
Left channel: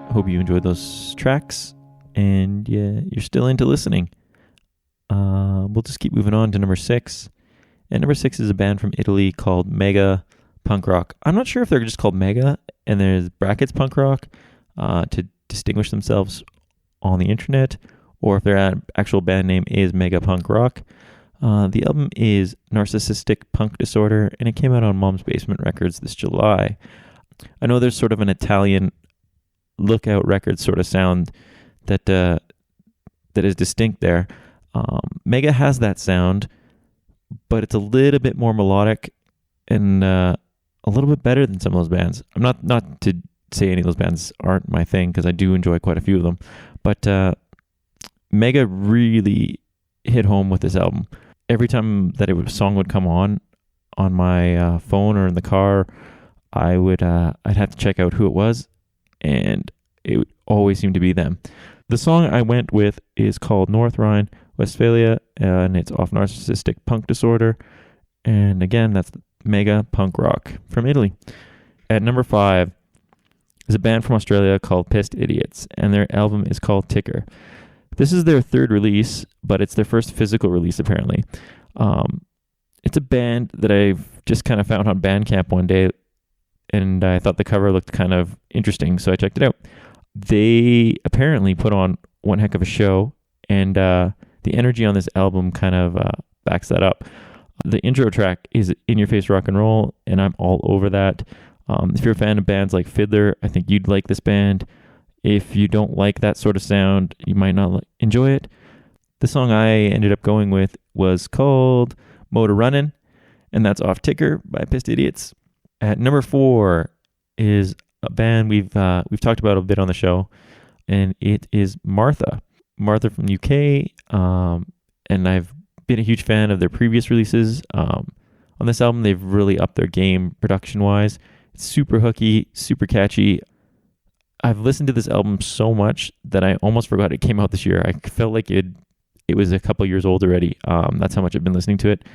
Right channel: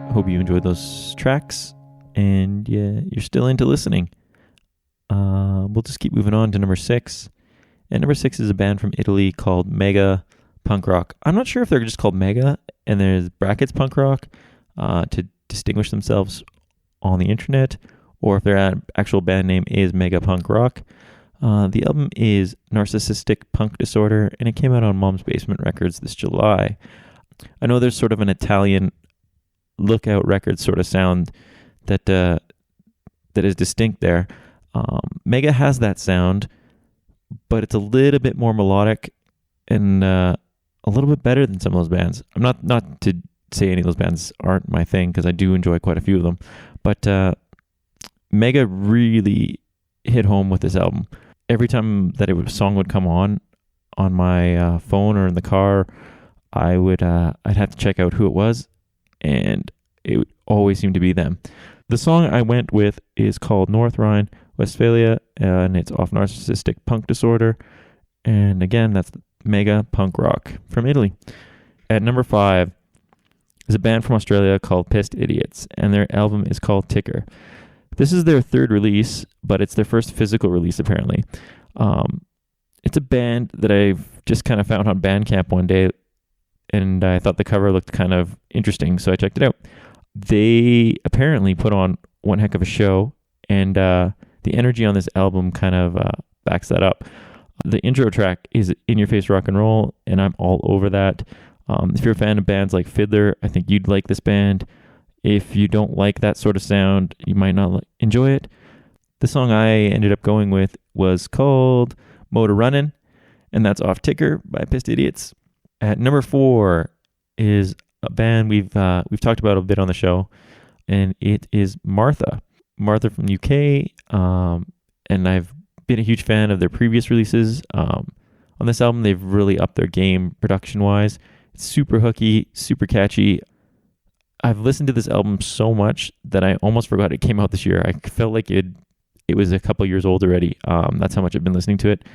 I hope you enjoyed those tracks, and yeah, you're still into listening. We'll just keep moving on to number 6. And number 6 is a band from Italy called Mega Punk Rock. I'm not sure if they're just called Mega, and there's brackets punk rock to distinguish themselves on the internet, or if their actual band name is Mega Punk Rock. The album is Narcissistic Punk Disorder, and it came out on Mom's Basement Records this July. I know there's sort of an Italian Lookout Records sort of sound that is distinct there. Mega has that sound, but it's a little bit more melodic and a little bit better than some of those bands. I'm not to say any of those bands aren't my thing, because I do enjoy quite a few of them, but Mega really hit home with this album. Every time that a song would come on my phone or in the car, I'd have to check out who it was, and it would always seem to be them. The song I went with is called North Rhine-Westphalia, and it's off Narcissistic Punk Disorder. And again, that's Mega Punk Rock from Italy. At number 5 is a band from Australia called Pissed Idiots, and their album is called Ticker. This is their third release, but it's their first physical release, apparently. It's a band that I've just kind of found on Bandcamp one day, and I thought the cover looked kind of interesting, so I checked it out. They apparently put on one heck of a show, and the energy on this album kind of backs that up. The intro track is In Your Face Rock and Roll, and I'm all over that. If you're a fan of bands like Fiddler, I think you'd like this band. If you don't like that sort of sound, you might not enjoy it. The song I ended up going with was called Motor Runnin', and that's off Ticker by Pissed Idiots. At number 4 is a band we've talked about a bit on the show, and it is Martha. Martha from the UK, and I've been a huge fan of their previous releases. On this album, they've really upped their game production-wise. It's super hooky, super catchy. I've listened to this album so much that I almost forgot it came out this year. I felt like it was a couple years old already. That's how much I've been listening to it.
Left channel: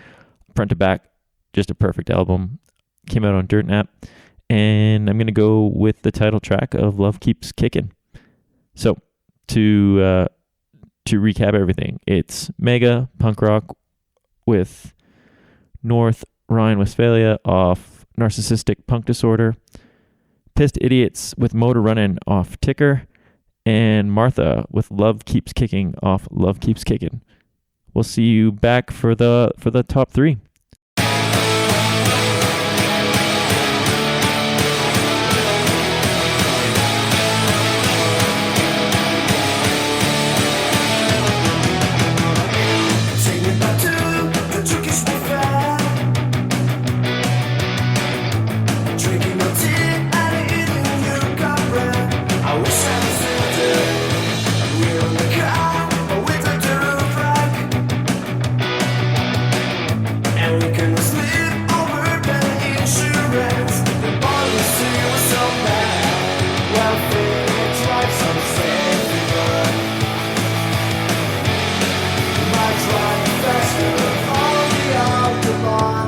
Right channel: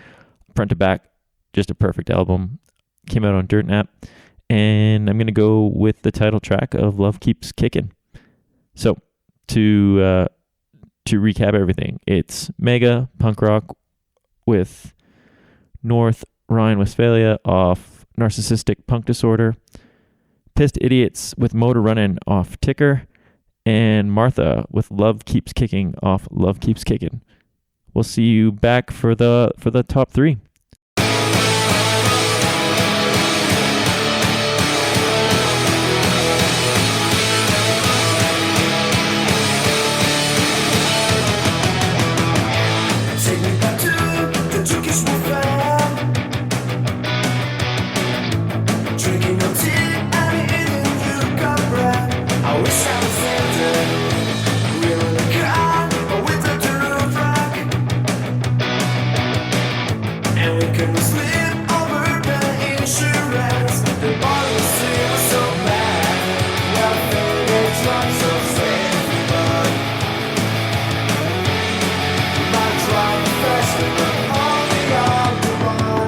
Front to back, just a perfect album. Came out on Dirt Nap. And I'm going to go with the title track of Love Keeps Kickin'. So, to recap everything, it's Mega Punk Rock with North Rhine-Westphalia off Narcissistic Punk Disorder, Pissed Idiots with Motor Runnin' off Ticker, and Martha with Love Keeps Kicking off Love Keeps Kickin'. We'll see you back for the top 3. Take me back to the Turkish buffet, drinking no tea and eating yuca bread. I wish I was there. We're on a car, but without the roof rack, and we couldn't sleep over the insurance. The policy was so bad. Well, they drive so safely, but we might drive faster on the autobahn,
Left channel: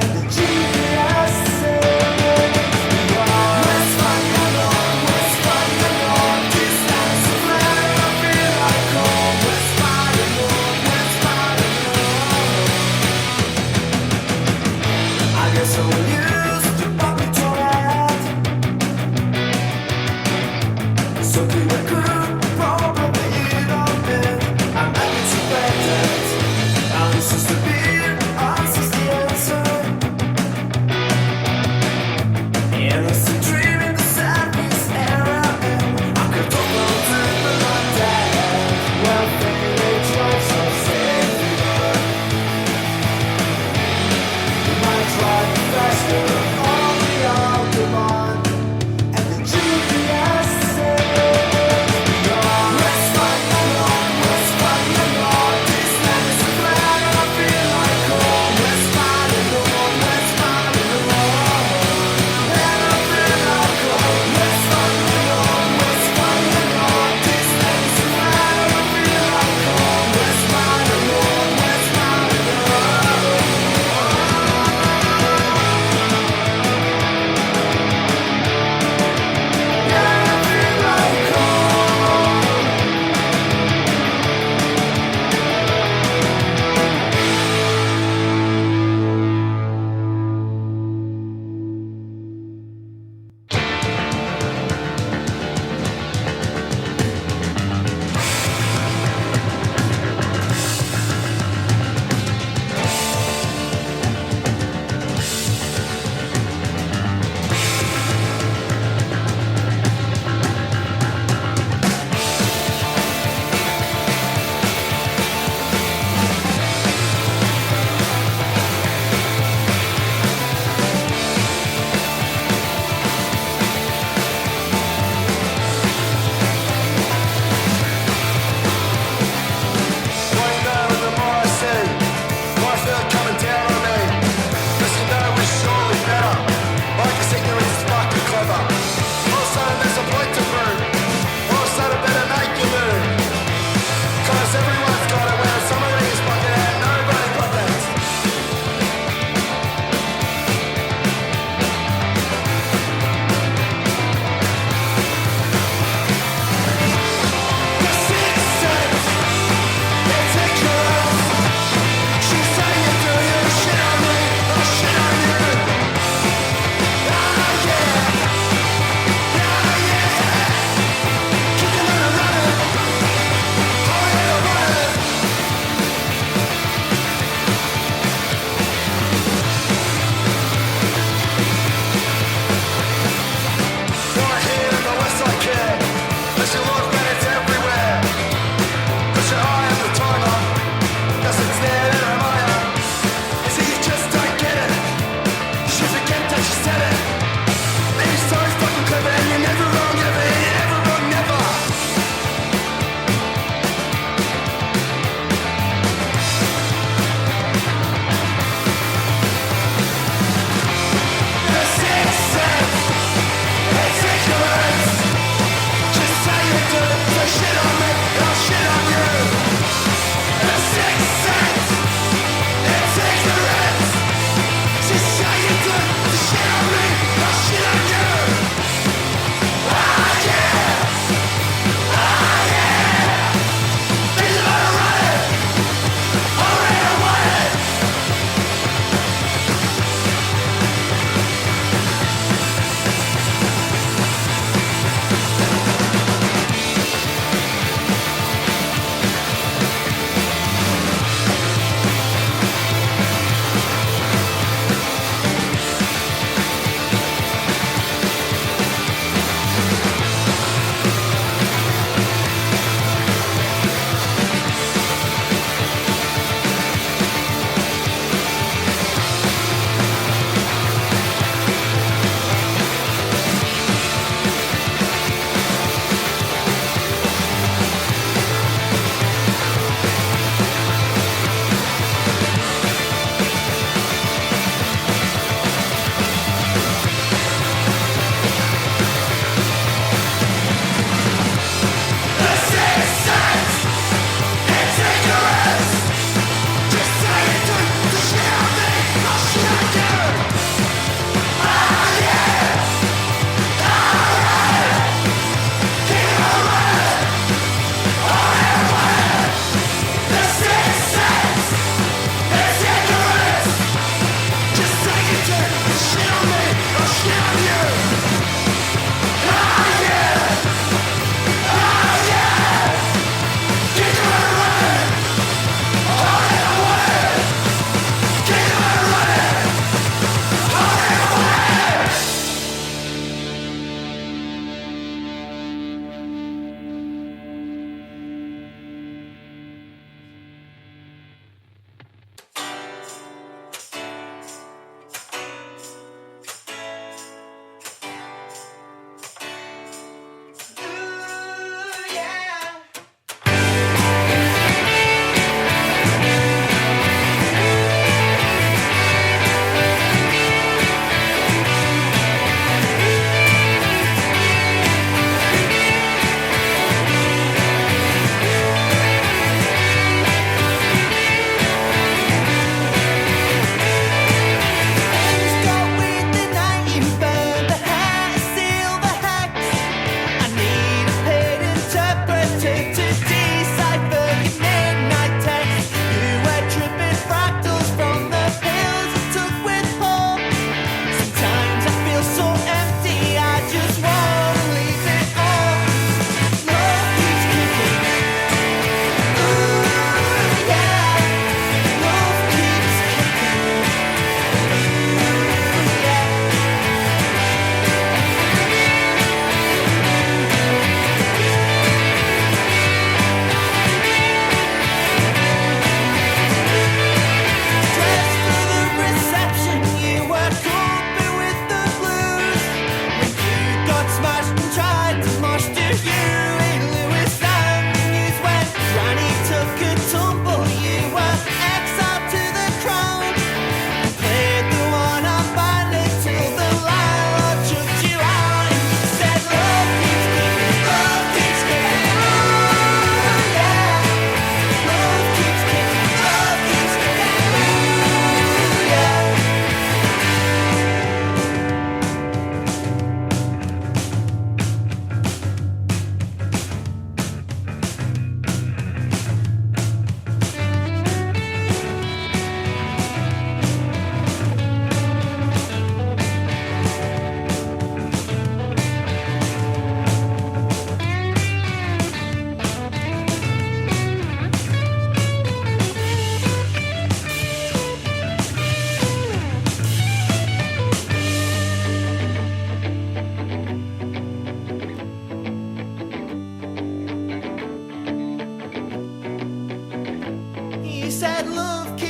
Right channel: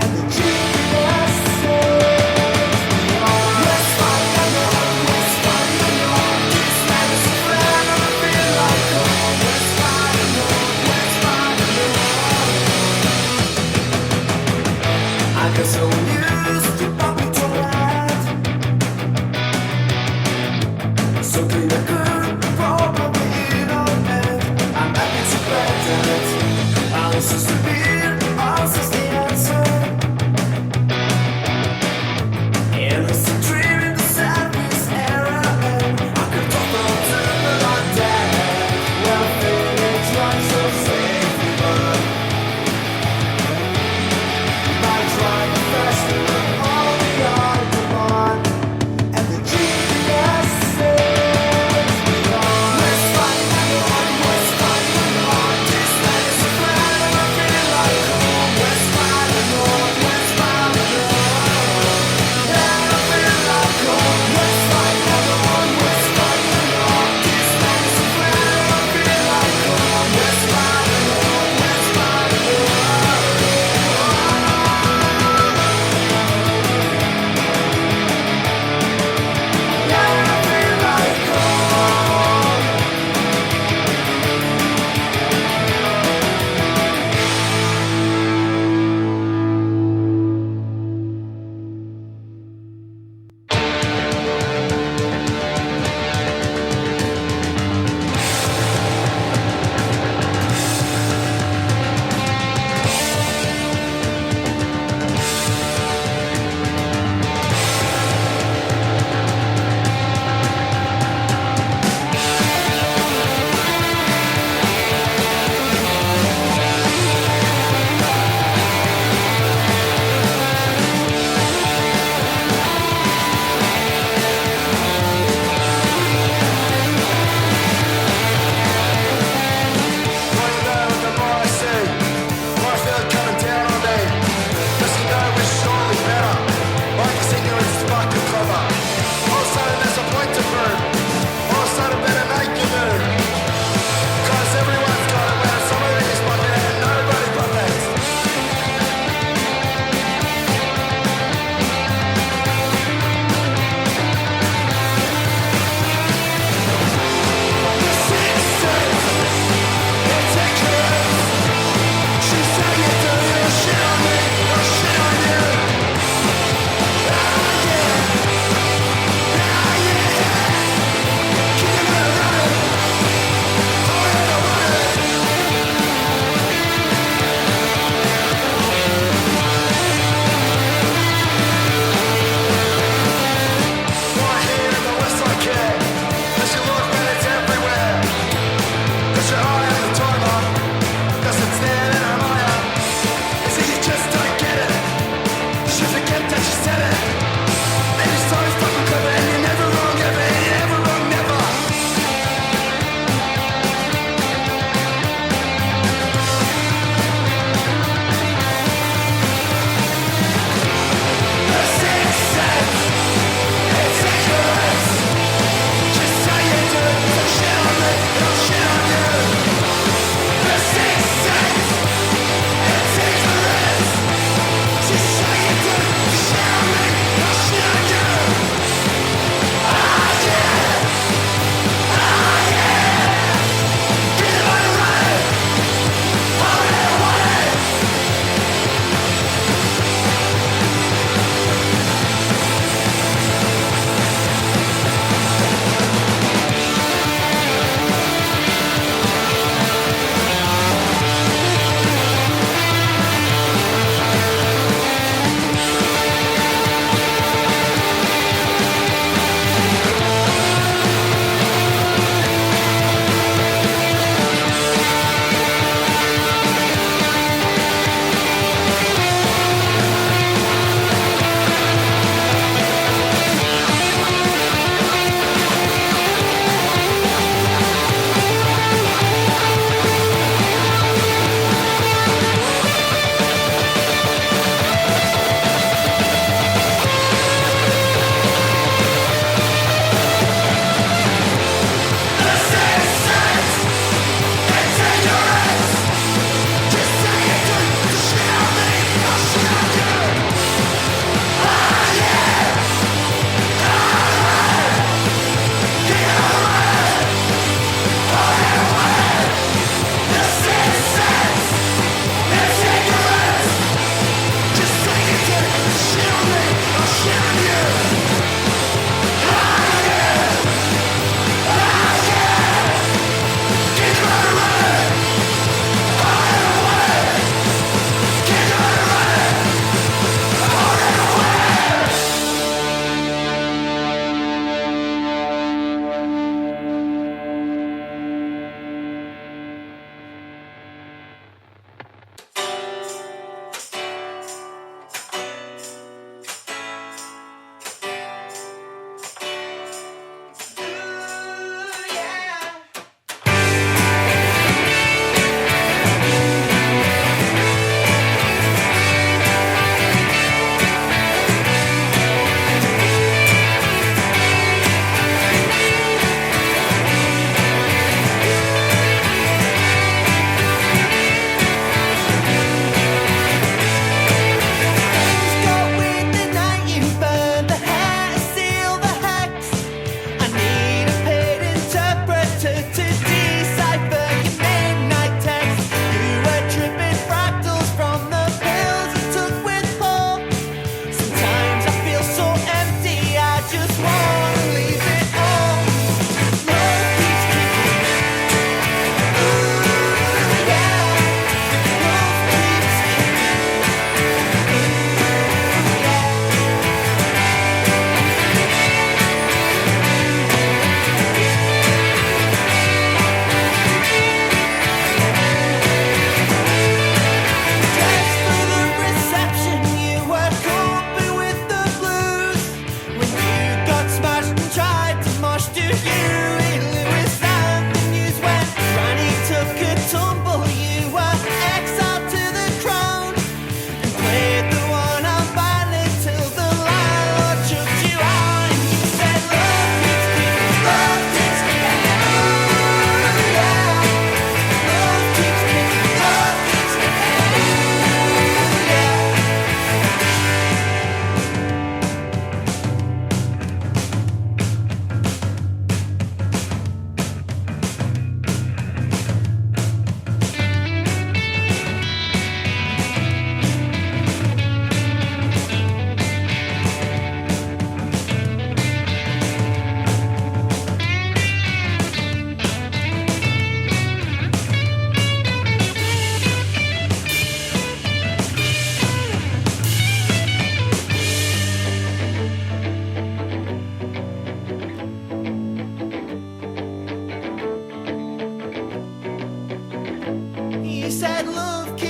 and the GPS says we are Westphalia North, Westphalia North. This land is so flat and I feel like home. Westphalia North, Westphalia North. I guess I will use the public toilet, so clean I could probably eat on it. I'm happy to bet that answers the beer, answers the answer. And it's a dream in the service era, and I could talk about people like that. Well, they drive so safely, but we might drive faster on the autobahn, and the GPS says we are Westphalia North, Westphalia North. This land is so flat and I feel like feel it coming down on me. Cause you know we're surely better. Like us ignorant, fucking clever. All of a sudden there's a point to prove. All of a sudden better make your move. Cause everyone's got it when somebody's fucking and nobody protects. The sixth sense, it's ignorance. She say you do, you shit on me, I'll shit on you. Ah yeah, ah yeah. Keep them out of running. Oh yeah, I'm running. Right here in the West I care. Cause you look when it's everywhere. Cause your eye on the timer. Cause it's there in her Maya. Is it you just don't get it? You forget that you said it. Maybe so fucking clever and you're never wrong ever. You're never wrong never. The sixth sense, it's ignorance. Just say you do, so shit on me and I'll shit on you. The sixth sense, it's ignorance. Just say you do, so shit on me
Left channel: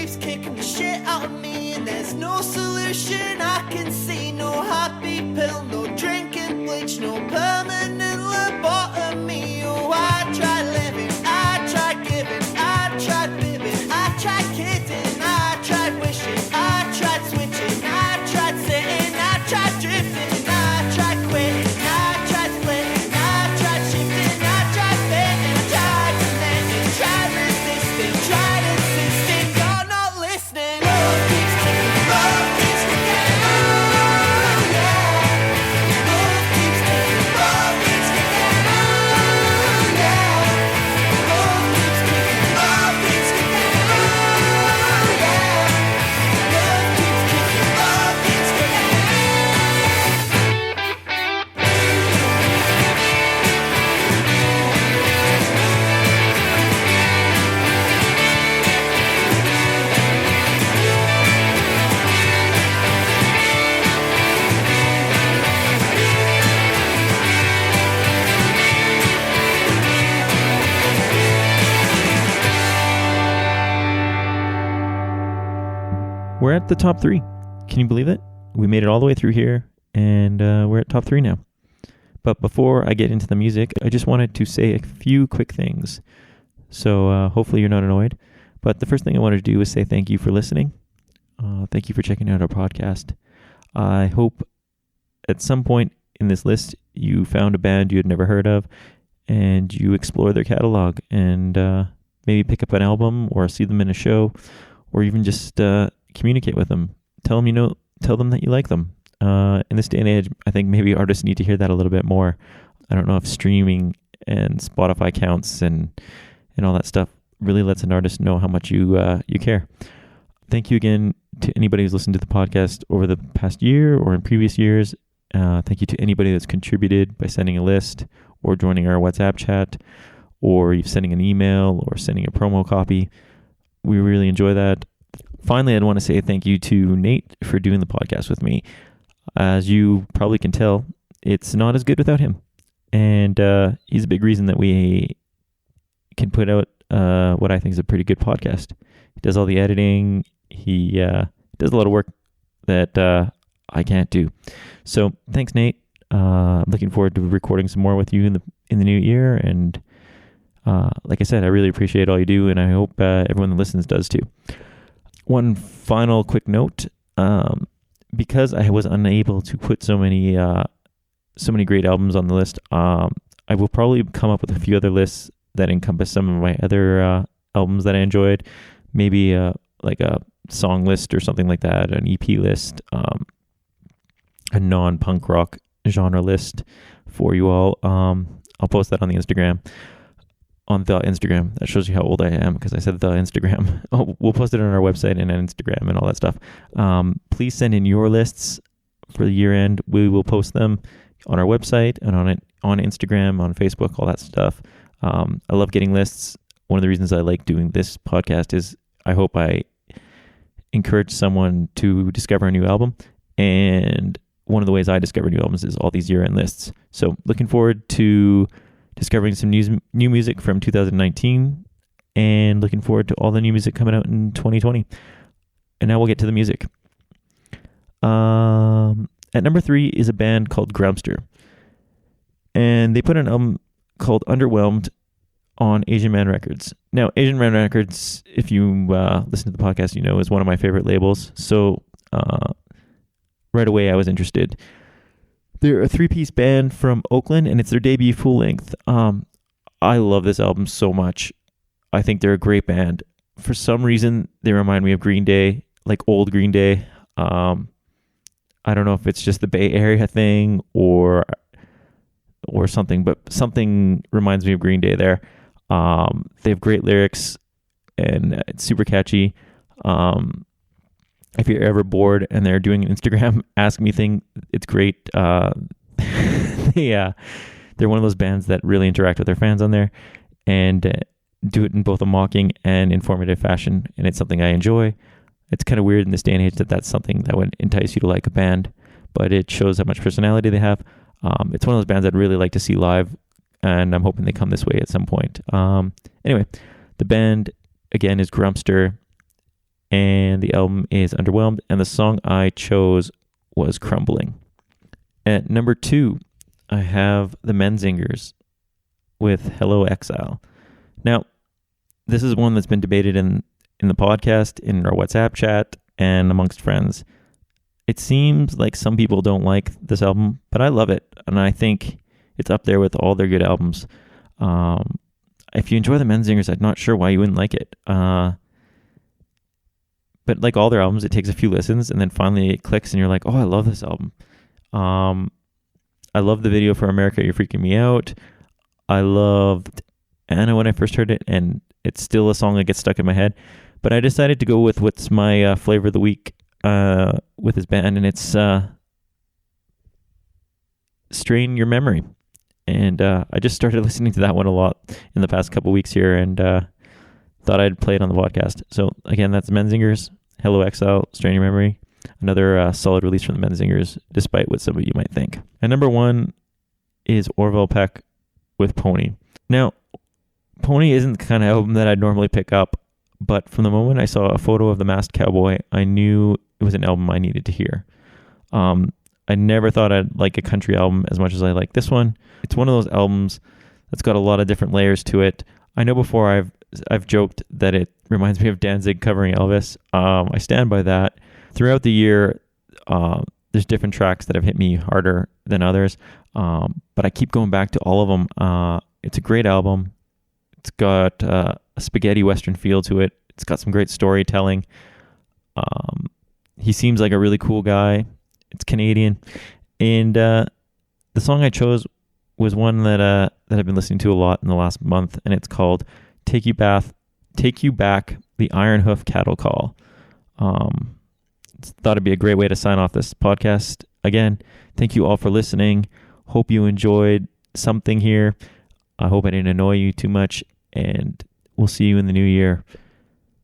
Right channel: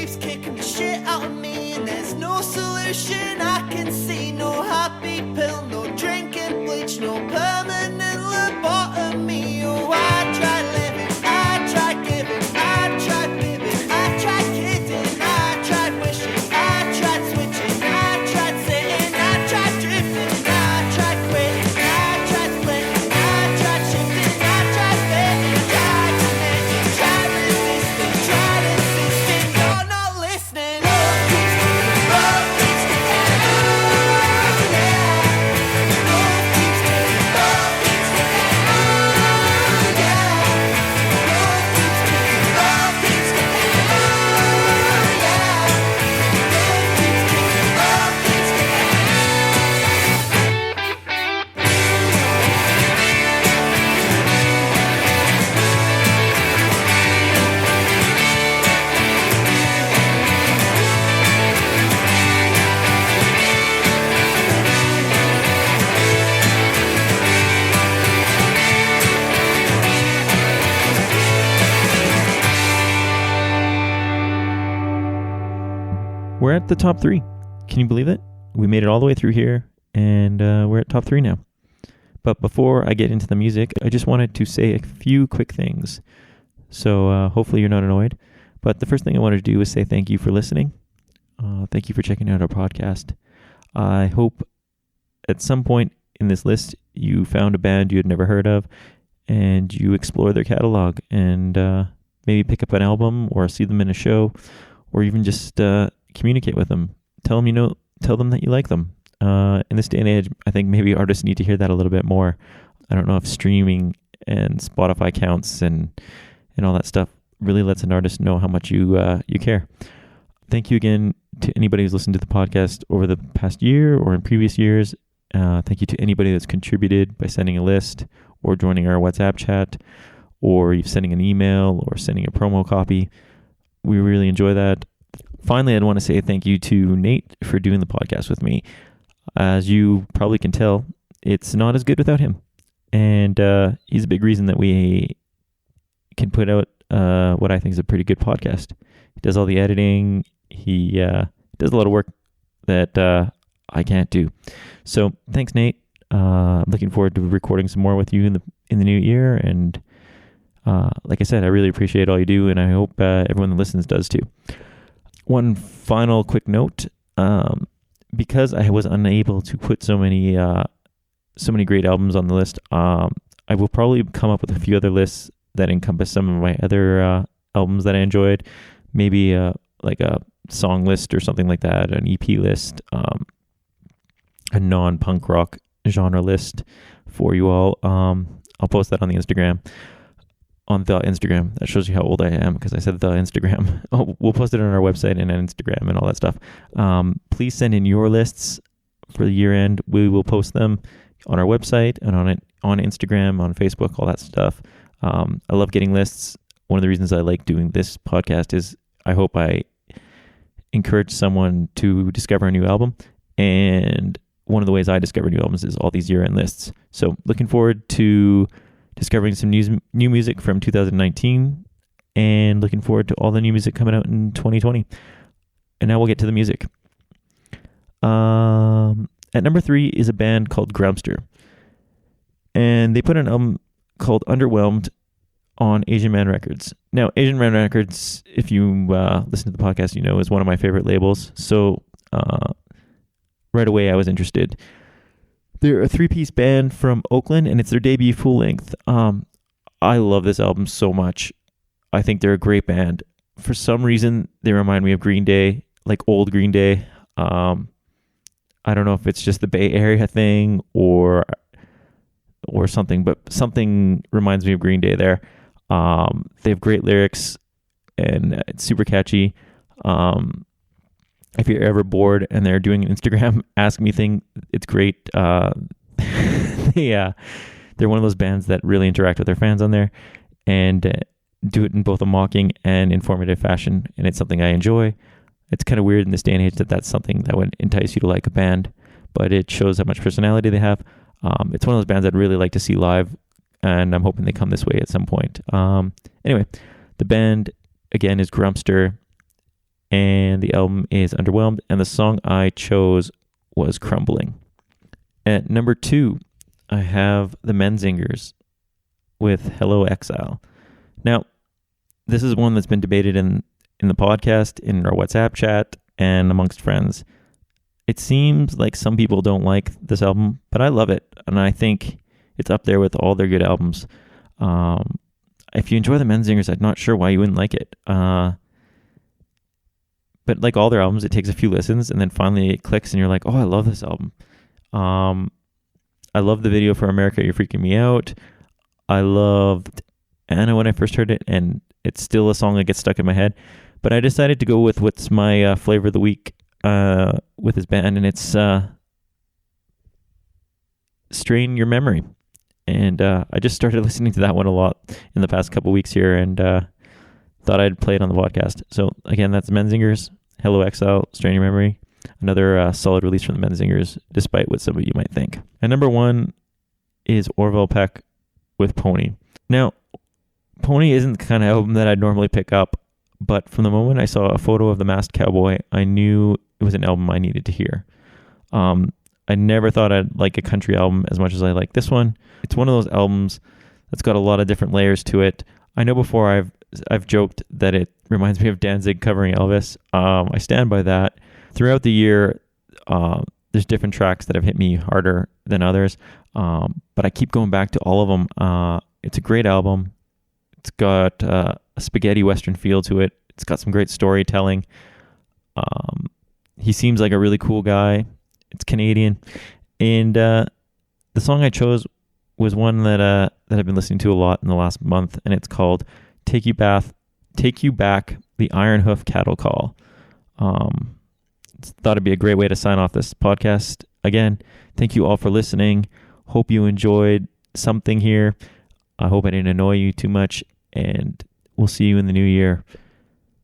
keeps kicking the shit out of me, and there's no solution I can see. No happy pill, no drinking bleach, no permanent lobotomy. Oh, I tried living, I tried giving, I tried fibbing, I tried kidding, I tried wishing, I tried switching, I tried sitting, I tried drifting, I tried quitting, I tried splitting, I tried shifting, I tried fitting, I tried connecting, tried resisting, tried insisting, you're not listening. Love keeps kicking, love keeps kicking, oh yeah. Love keeps kicking, love keeps kicking, oh yeah. Love keeps kicking, love keeps kicking, oh yeah. Love keeps kicking, love keeps kicking. We're at the top 3. Can you believe it? We made it all the way through here, and we're at top 3 now. But before I get into the music, I just wanted to say a few quick things. So hopefully you're not annoyed. But the first thing I wanted to do is say thank you for listening. Thank you for checking out our podcast. I hope at some point in this list you found a band you had never heard of, and you explore their catalog, and maybe pick up an album or see them in a show, or even just communicate with them. Tell them that you like them. In this day and age, I think maybe artists need to hear that a little bit more. I don't know if streaming and Spotify counts and all that stuff really lets an artist know how much you care. Thank you again to anybody who's listened to the podcast over the past year or in previous years. Thank you to anybody that's contributed by sending a list or joining our WhatsApp chat, or sending an email or sending a promo copy. We really enjoy that. Finally, I'd want to say thank you to Nate for doing the podcast with me. As you probably can tell, it's not as good without him. And he's a big reason that we can put out what I think is a pretty good podcast. He does all the editing. He does a lot of work that I can't do. So thanks, Nate. I'm looking forward to recording some more with you in the new year. And like I said, I really appreciate all you do, and I hope everyone that listens does too. One final quick note, because I was unable to put so many great albums on the list, I will probably come up with a few other lists that encompass some of my other albums that I enjoyed. Maybe like a song list or something like that, an EP list, a non-punk rock genre list for you all. I'll post that on the Instagram. On the Instagram. That shows you how old I am, because I said the Instagram. Oh, we'll post it on our website and on Instagram and all that stuff. Please send in your lists for the year end. We will post them on our website and on Instagram, on Facebook, all that stuff. I love getting lists. One of the reasons I like doing this podcast is I hope I encourage someone to discover a new album. And one of the ways I discover new albums is all these year-end lists. So looking forward to discovering some new music from 2019, and looking forward to all the new music coming out in 2020. And now we'll get to the music. At number 3 is a band called Grumpster. And they put an album called Underwhelmed on Asian Man Records. Now, Asian Man Records, if you listen to the podcast, you know, is one of my favorite labels. So right away I was interested. They're a 3-piece band from Oakland, and it's their debut full length. I love this album so much. I think they're a great band. For some reason, they remind me of Green Day, like old Green Day. I don't know if it's just the Bay Area thing or something, but something reminds me of Green Day there. They have great lyrics, and it's super catchy. If you're ever bored and they're doing an Instagram Ask Me thing, it's great. They're one of those bands that really interact with their fans on there and do it in both a mocking and informative fashion, and it's something I enjoy. It's kind of weird in this day and age that that's something that would entice you to like a band, but it shows how much personality they have. It's one of those bands I'd really like to see live, and I'm hoping they come this way at some point. Anyway, the band, again, is Grumpster. and the album is Underwhelmed, and the song I chose was Crumbling. At number 2, I have the Menzingers with Hello Exile. Now, this is one that's been debated in the podcast, in our WhatsApp chat, and amongst friends. It seems like some people don't like this album, but I love it, and I think it's up there with all their good albums. If you enjoy the Menzingers, I'm not sure why you wouldn't like it. But like all their albums, it takes a few listens, and then finally it clicks, and you're like, oh, I love this album. I love the video for America, You're Freaking Me Out. I loved Anna when I first heard it, and it's still a song that gets stuck in my head. But I decided to go with what's my flavor of the week with his band, and it's Strain Your Memory. And I just started listening to that one a lot in the past couple weeks here, and thought I'd play it on the podcast. So again, that's Menzingers, Hello Exile, Strain Your Memory. Another solid release from the Menzingers, despite what some of you might think. And number 1 is Orville Peck with Pony. Now, Pony isn't the kind of album that I'd normally pick up, but from the moment I saw a photo of the Masked Cowboy, I knew it was an album I needed to hear. I never thought I'd like a country album as much as I like this one. It's one of those albums that's got a lot of different layers to it. I know before I've joked that it reminds me of Danzig covering Elvis. I stand by that. Throughout the year, there's different tracks that have hit me harder than others, but I keep going back to all of them. It's a great album. It's got a spaghetti western feel to it. It's got some great storytelling. He seems like a really cool guy. It's Canadian, and the song I chose was one that I've been listening to a lot in the last month, and it's called "Take You Back," the Iron Hoof Cattle Call. Thought it'd be a great way to sign off this podcast. Again, thank you all for listening. Hope you enjoyed something here. I hope I didn't annoy you too much, and we'll see you in the new year.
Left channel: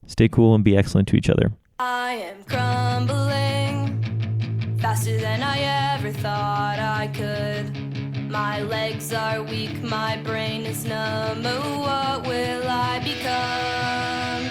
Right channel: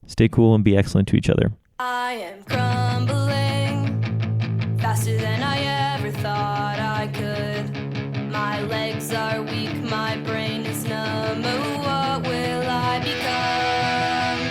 Stay cool and be excellent to each other. I am crumbling faster than I ever thought I could. My legs are weak, my brain is numb. Oh, what will I become?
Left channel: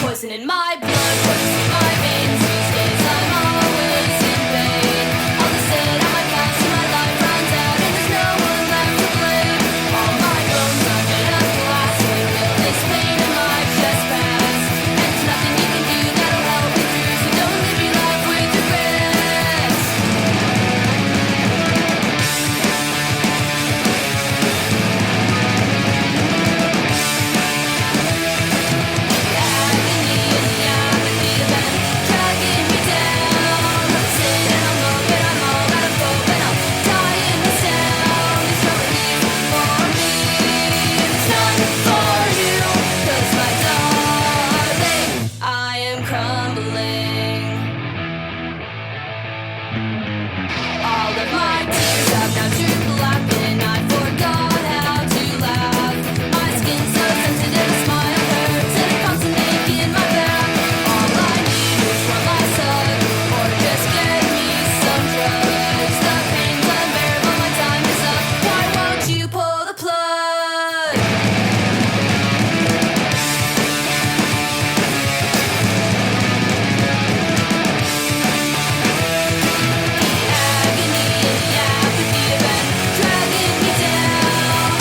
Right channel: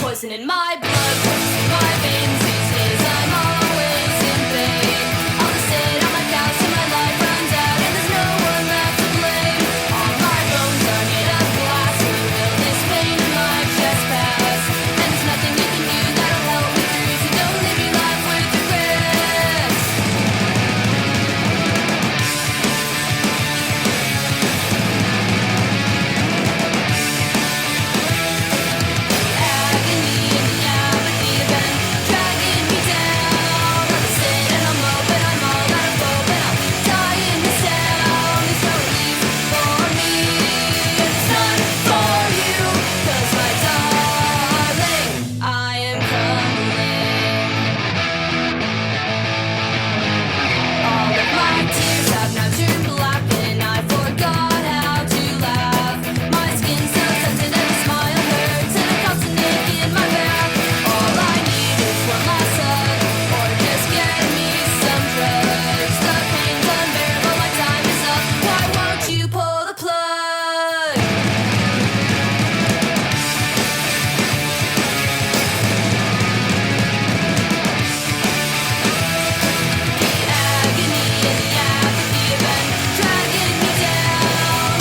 Poison in my blood, courses through my veins. These days I'm always in pain. I'll just sit on my couch till my life runs out, and there's no one left to blame. All my bones are made of glass. When will this pain in my chest pass? And there's nothing you can do that'll help me through, so don't live your life with regrets. The agony and the apathy have been dragging me down. I'll just sit and I'll mope, and I'm all out of hope, and I'll die in the sound. There's no relief for me, and there's none for you, 'cause my darling, I am crumbling. All of my tears have now turned black, and I forgot how to laugh. My skin's so sensitive, a smile hurts, and it comes to ache in my back. All I need is one last hug, or just get me some drugs. The pain's unbearable, my time is up. Why won't you pull the plug? The agony and the apathy have been dragging me down.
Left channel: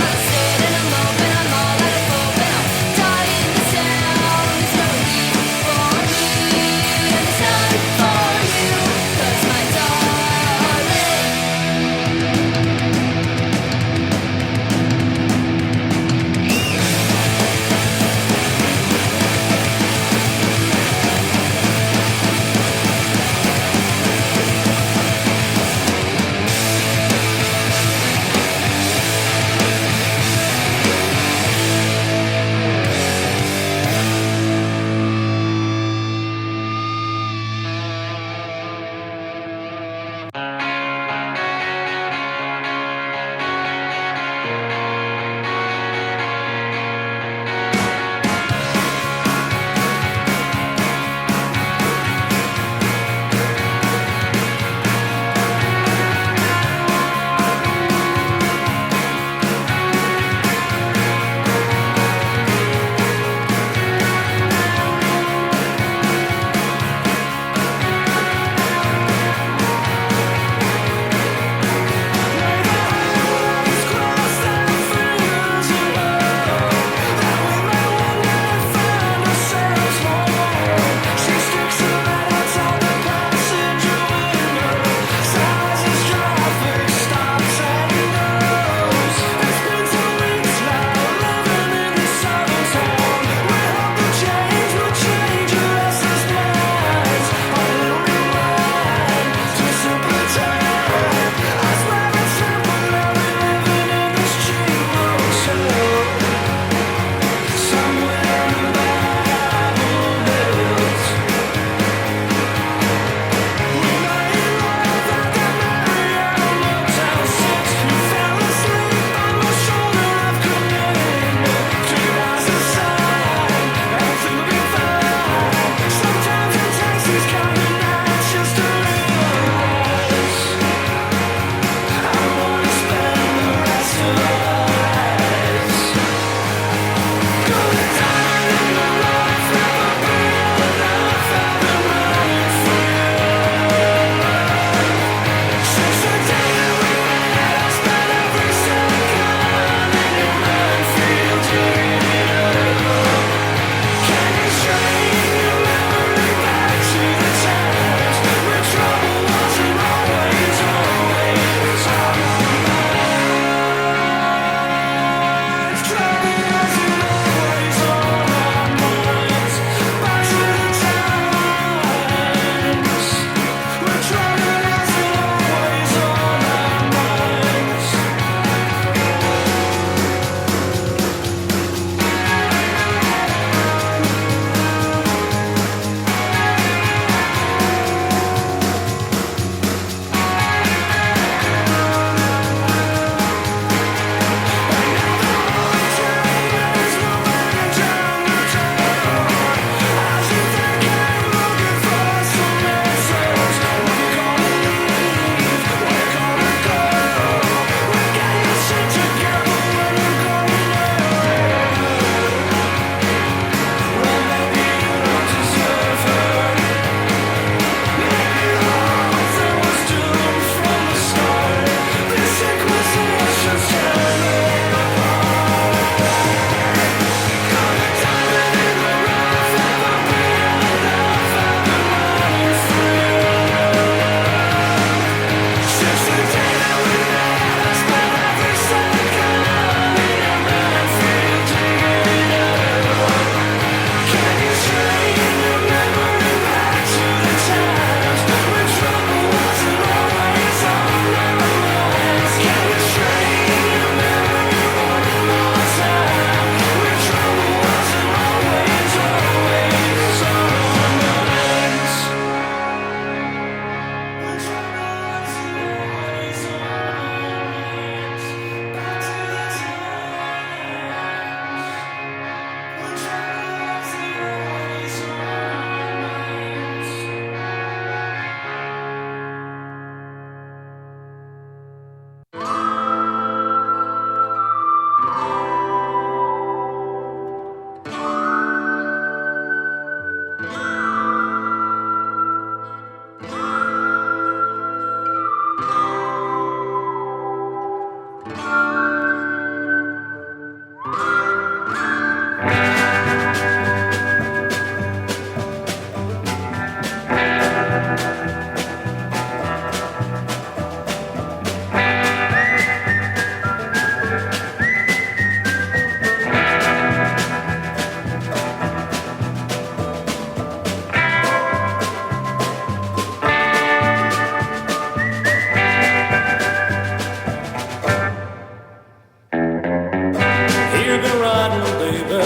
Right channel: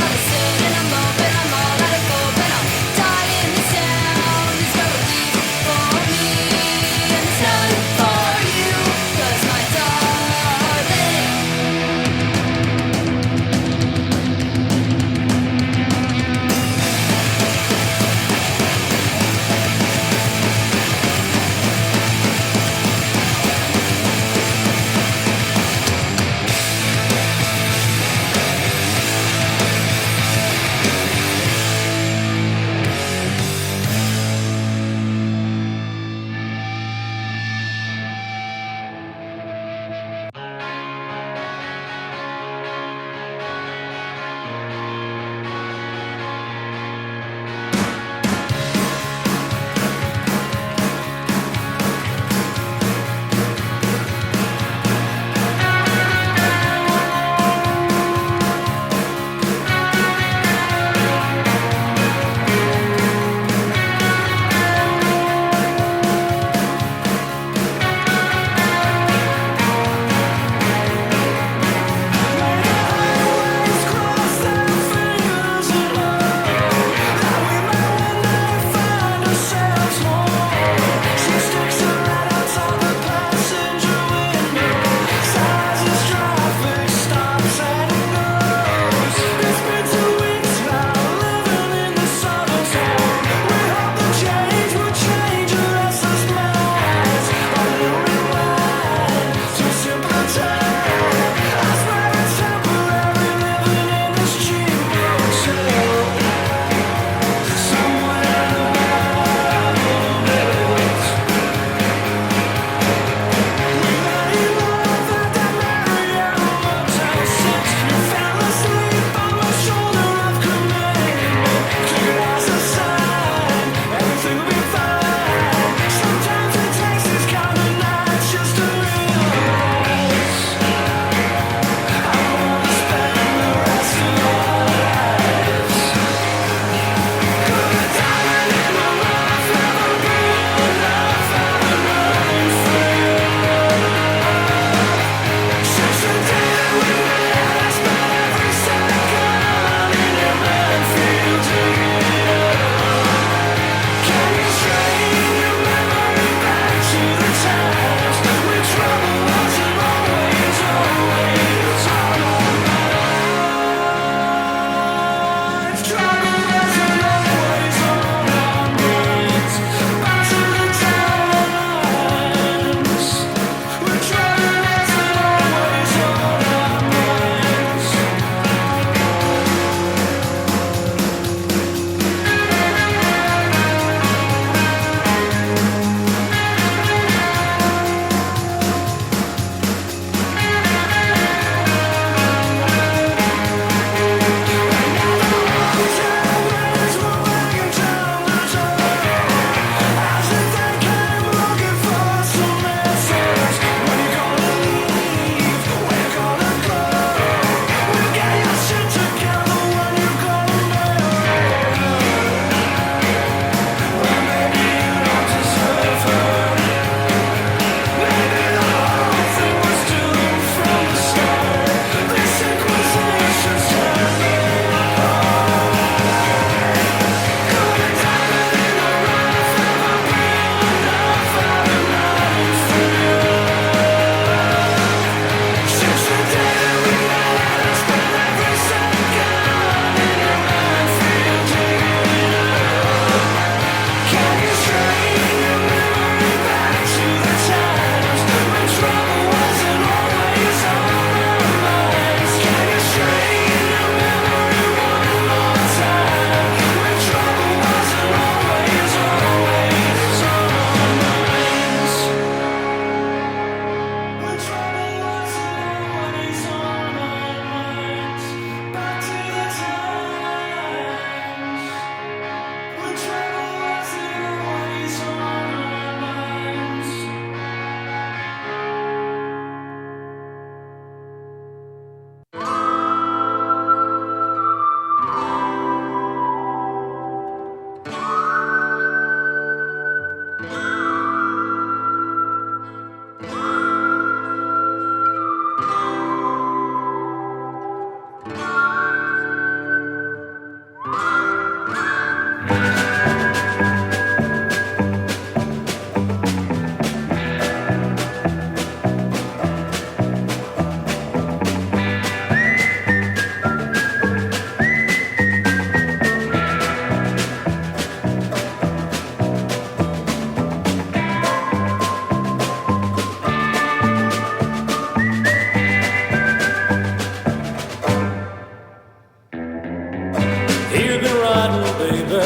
You've been riding, baby.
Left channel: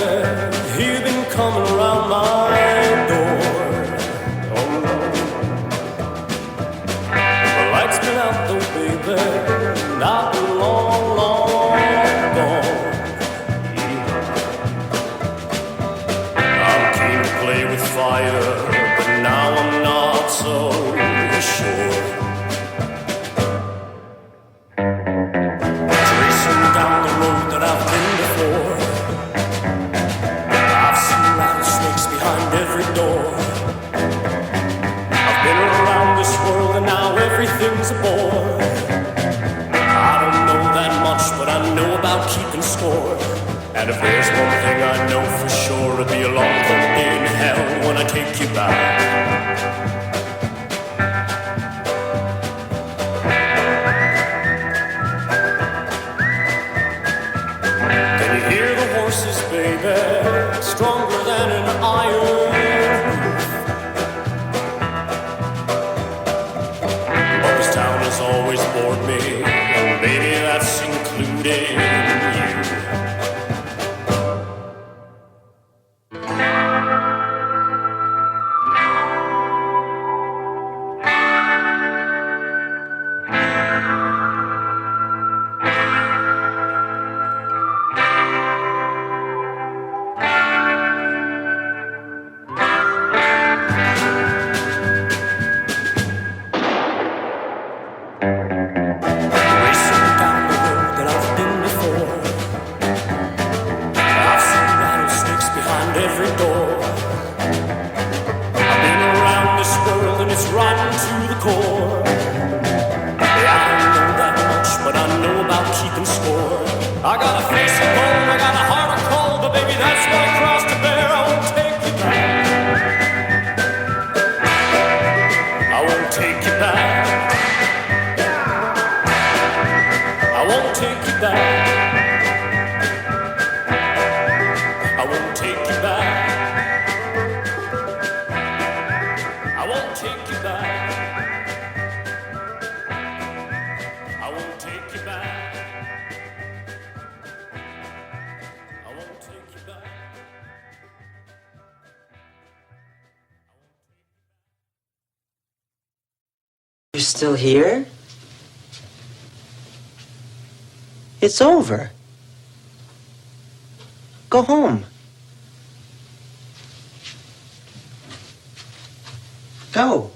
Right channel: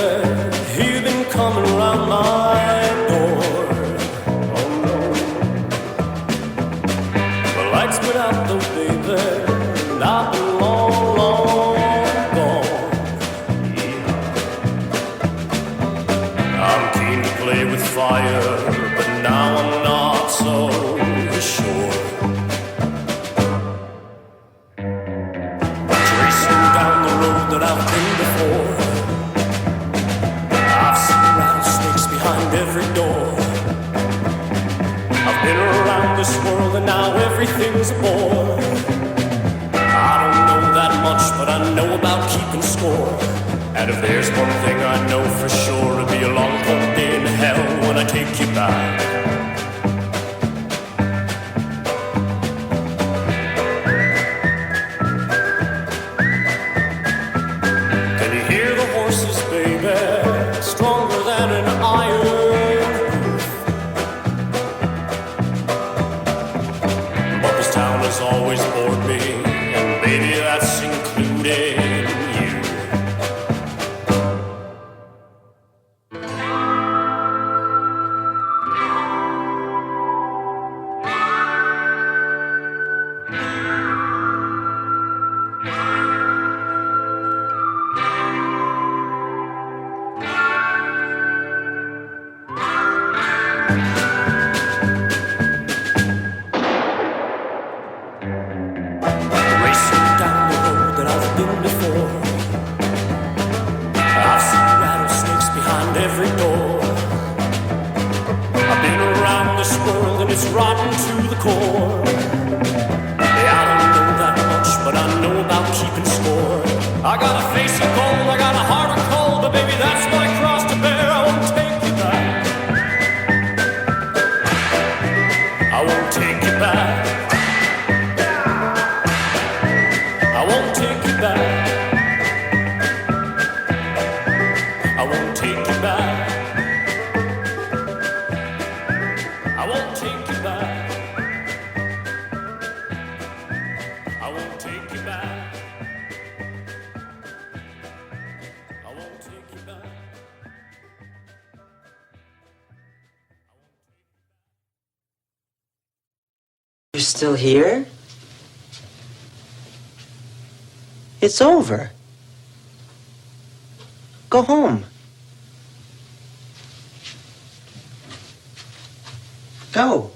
You've been coming around my door. Oh no. The light's been out though, baby, and I've been long, long gone. Yeah. I'm keen to play with fire, but now I'm not so sure. Down the road that I've been before, I've seen rattlesnakes behind every door. I've been around this world and now everything's a bore. I don't know that much, but I know about keeping score. And if there's one thing I know for sure, it'll be a long cold day in hell when I take you back. Horses, baby, stronger than an iron hoof. But this town has always bored me, and baby, that's including you. Every door. I've been around this world and it's rotten to the core. Yeah, I don't know that much, but I know about keeping score. I got a face of gold, I got a heart of cold, but baby, that's my cross to bear. I won't take you back. I won't take you back. I won't take you back. I won't take you back. I won't take you back. I won't take you back. I won't take you back. You're still here? It's over. Go home. Go.